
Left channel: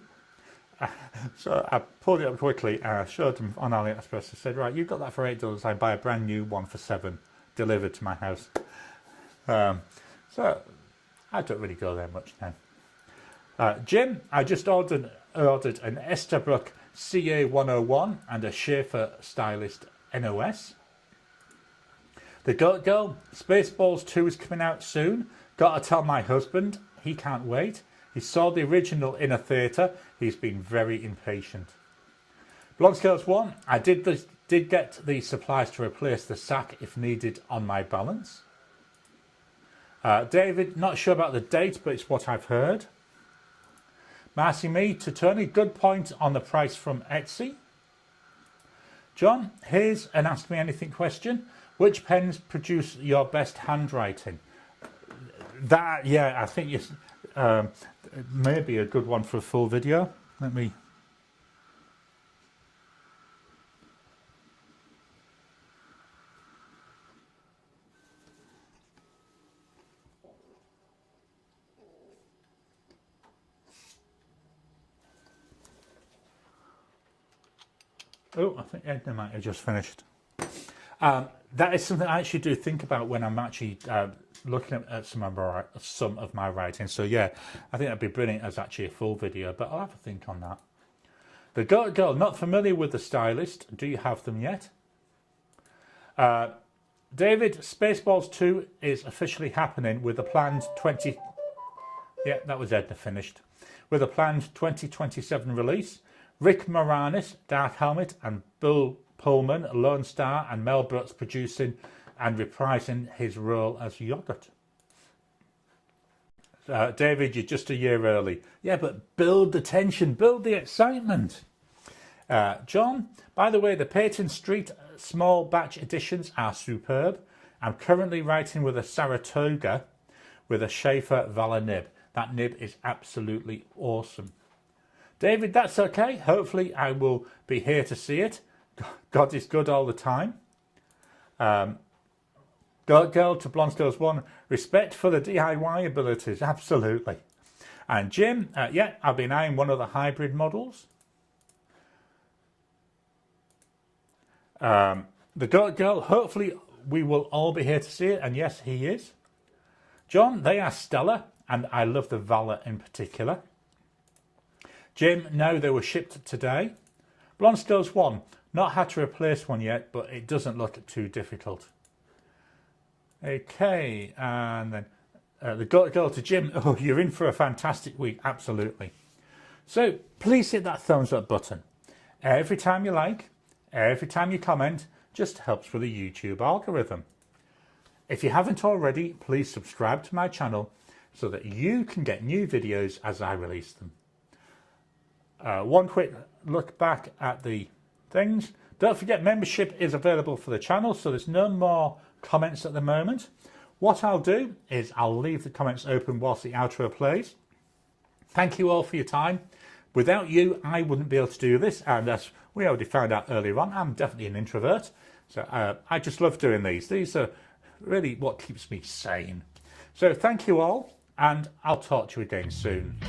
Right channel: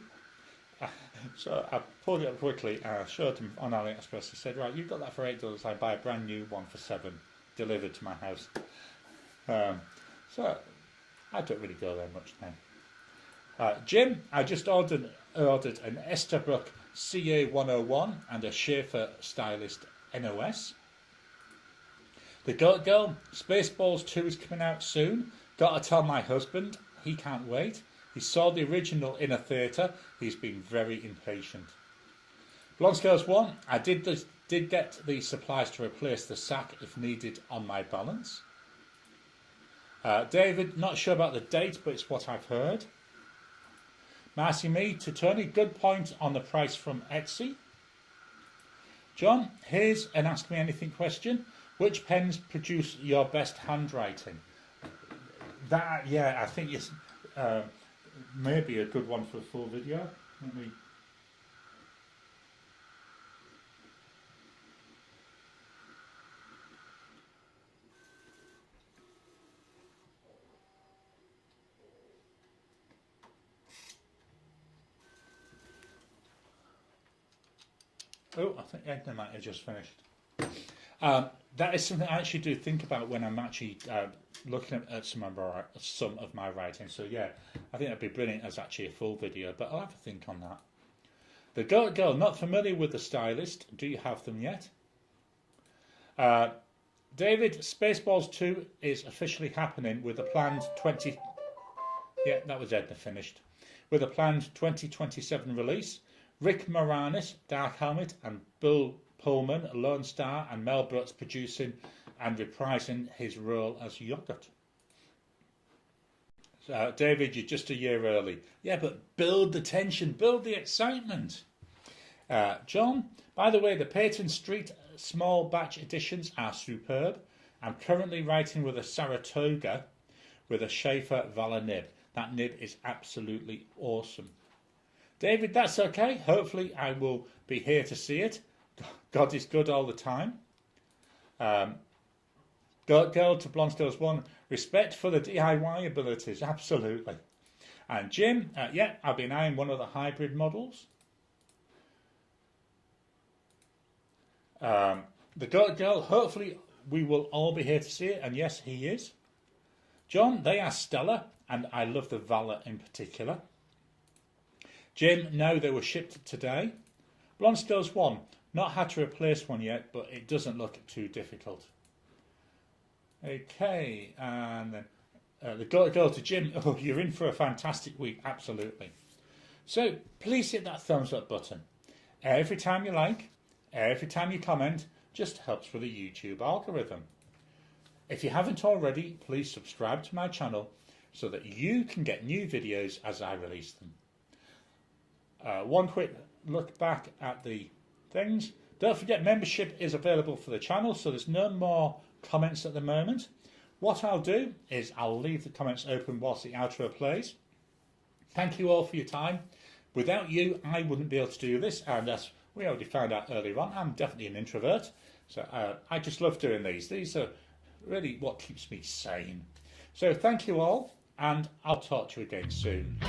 So I pulled it up quickly and I showed them on AliExpress. I said, right, you've got that for $8. I buy a brand new one for $7, delivered to my house. So I don't really go there much now. Jim, I just ordered an Estabrook CA101 and a Schaefer Stylist NOS. The Goat Girl, Spaceballs 2 is coming out soon. Gotta tell my husband, he can't wait. He saw the original in a theatre. He's been very impatient. Blonde Scales 1, I did get the supplies to replace the sack if needed on my balance. David, not sure about the date, but it's what I've heard. Marcy Me, to Tony, good point on the price from Etsy. John, here's an Ask Me Anything question. Which pens produce your best handwriting? That, yeah, I think it's maybe a good one for a full video. Let me... Oh, I think Edna might have just finished. That is something I actually do think about when I'm actually looking at some of my writing. So yeah, I think that'd be brilliant as actually a full video, but I'll have a think on that. The Girl, not familiar with the stylist. Do you have them yet? David, Spaceballs 2 is officially happening with a planned 20... Yeah, that was Edna finished. With a planned 2027 release. Rick Moranis, Dark Helmet, and Bill Pullman, Lone Star, and Mel Brooks producing and reprising his role as Yogurt. David, you're just a year early. Yeah, but build the tension, build the excitement. John, by the way, the Peyton Street small batch editions are superb. I'm currently writing with a Saratoga with a Schaefer Valor nib. That nib is absolutely awesome. David, that's okay. Hopefully I will be here to see it. God is good all the time. Girl to Blonde Skills 1, respect for the DIY abilities, absolutely. And Jim, yeah, I've been eyeing one of the hybrid models. The Girl, hopefully we will all be here to see it, and yes, he is. John, they are stellar, and I love the Valor in particular. Jim, no, they were shipped today. Blonde Skills 1, not had to replace one yet, but it doesn't look too difficult. Okay, and then the Girl to Jim, oh, you're in for a fantastic week, absolutely. So please hit that thumbs up button. Every time you like, every time you comment, just helps with the YouTube algorithm. If you haven't already, please subscribe to my channel so that you can get new videos as I release them. One quick look back at the things. Don't forget, membership is available for the channel, so there's no more comments at the moment. What I'll do is I'll leave the comments open whilst the outro plays. Thank you all for your time. Without you, I wouldn't be able to do this, and as we already found out earlier on, I'm definitely an introvert. So I just love doing these. These are really what keeps me sane. So thank you all, and I'll talk to you again soon.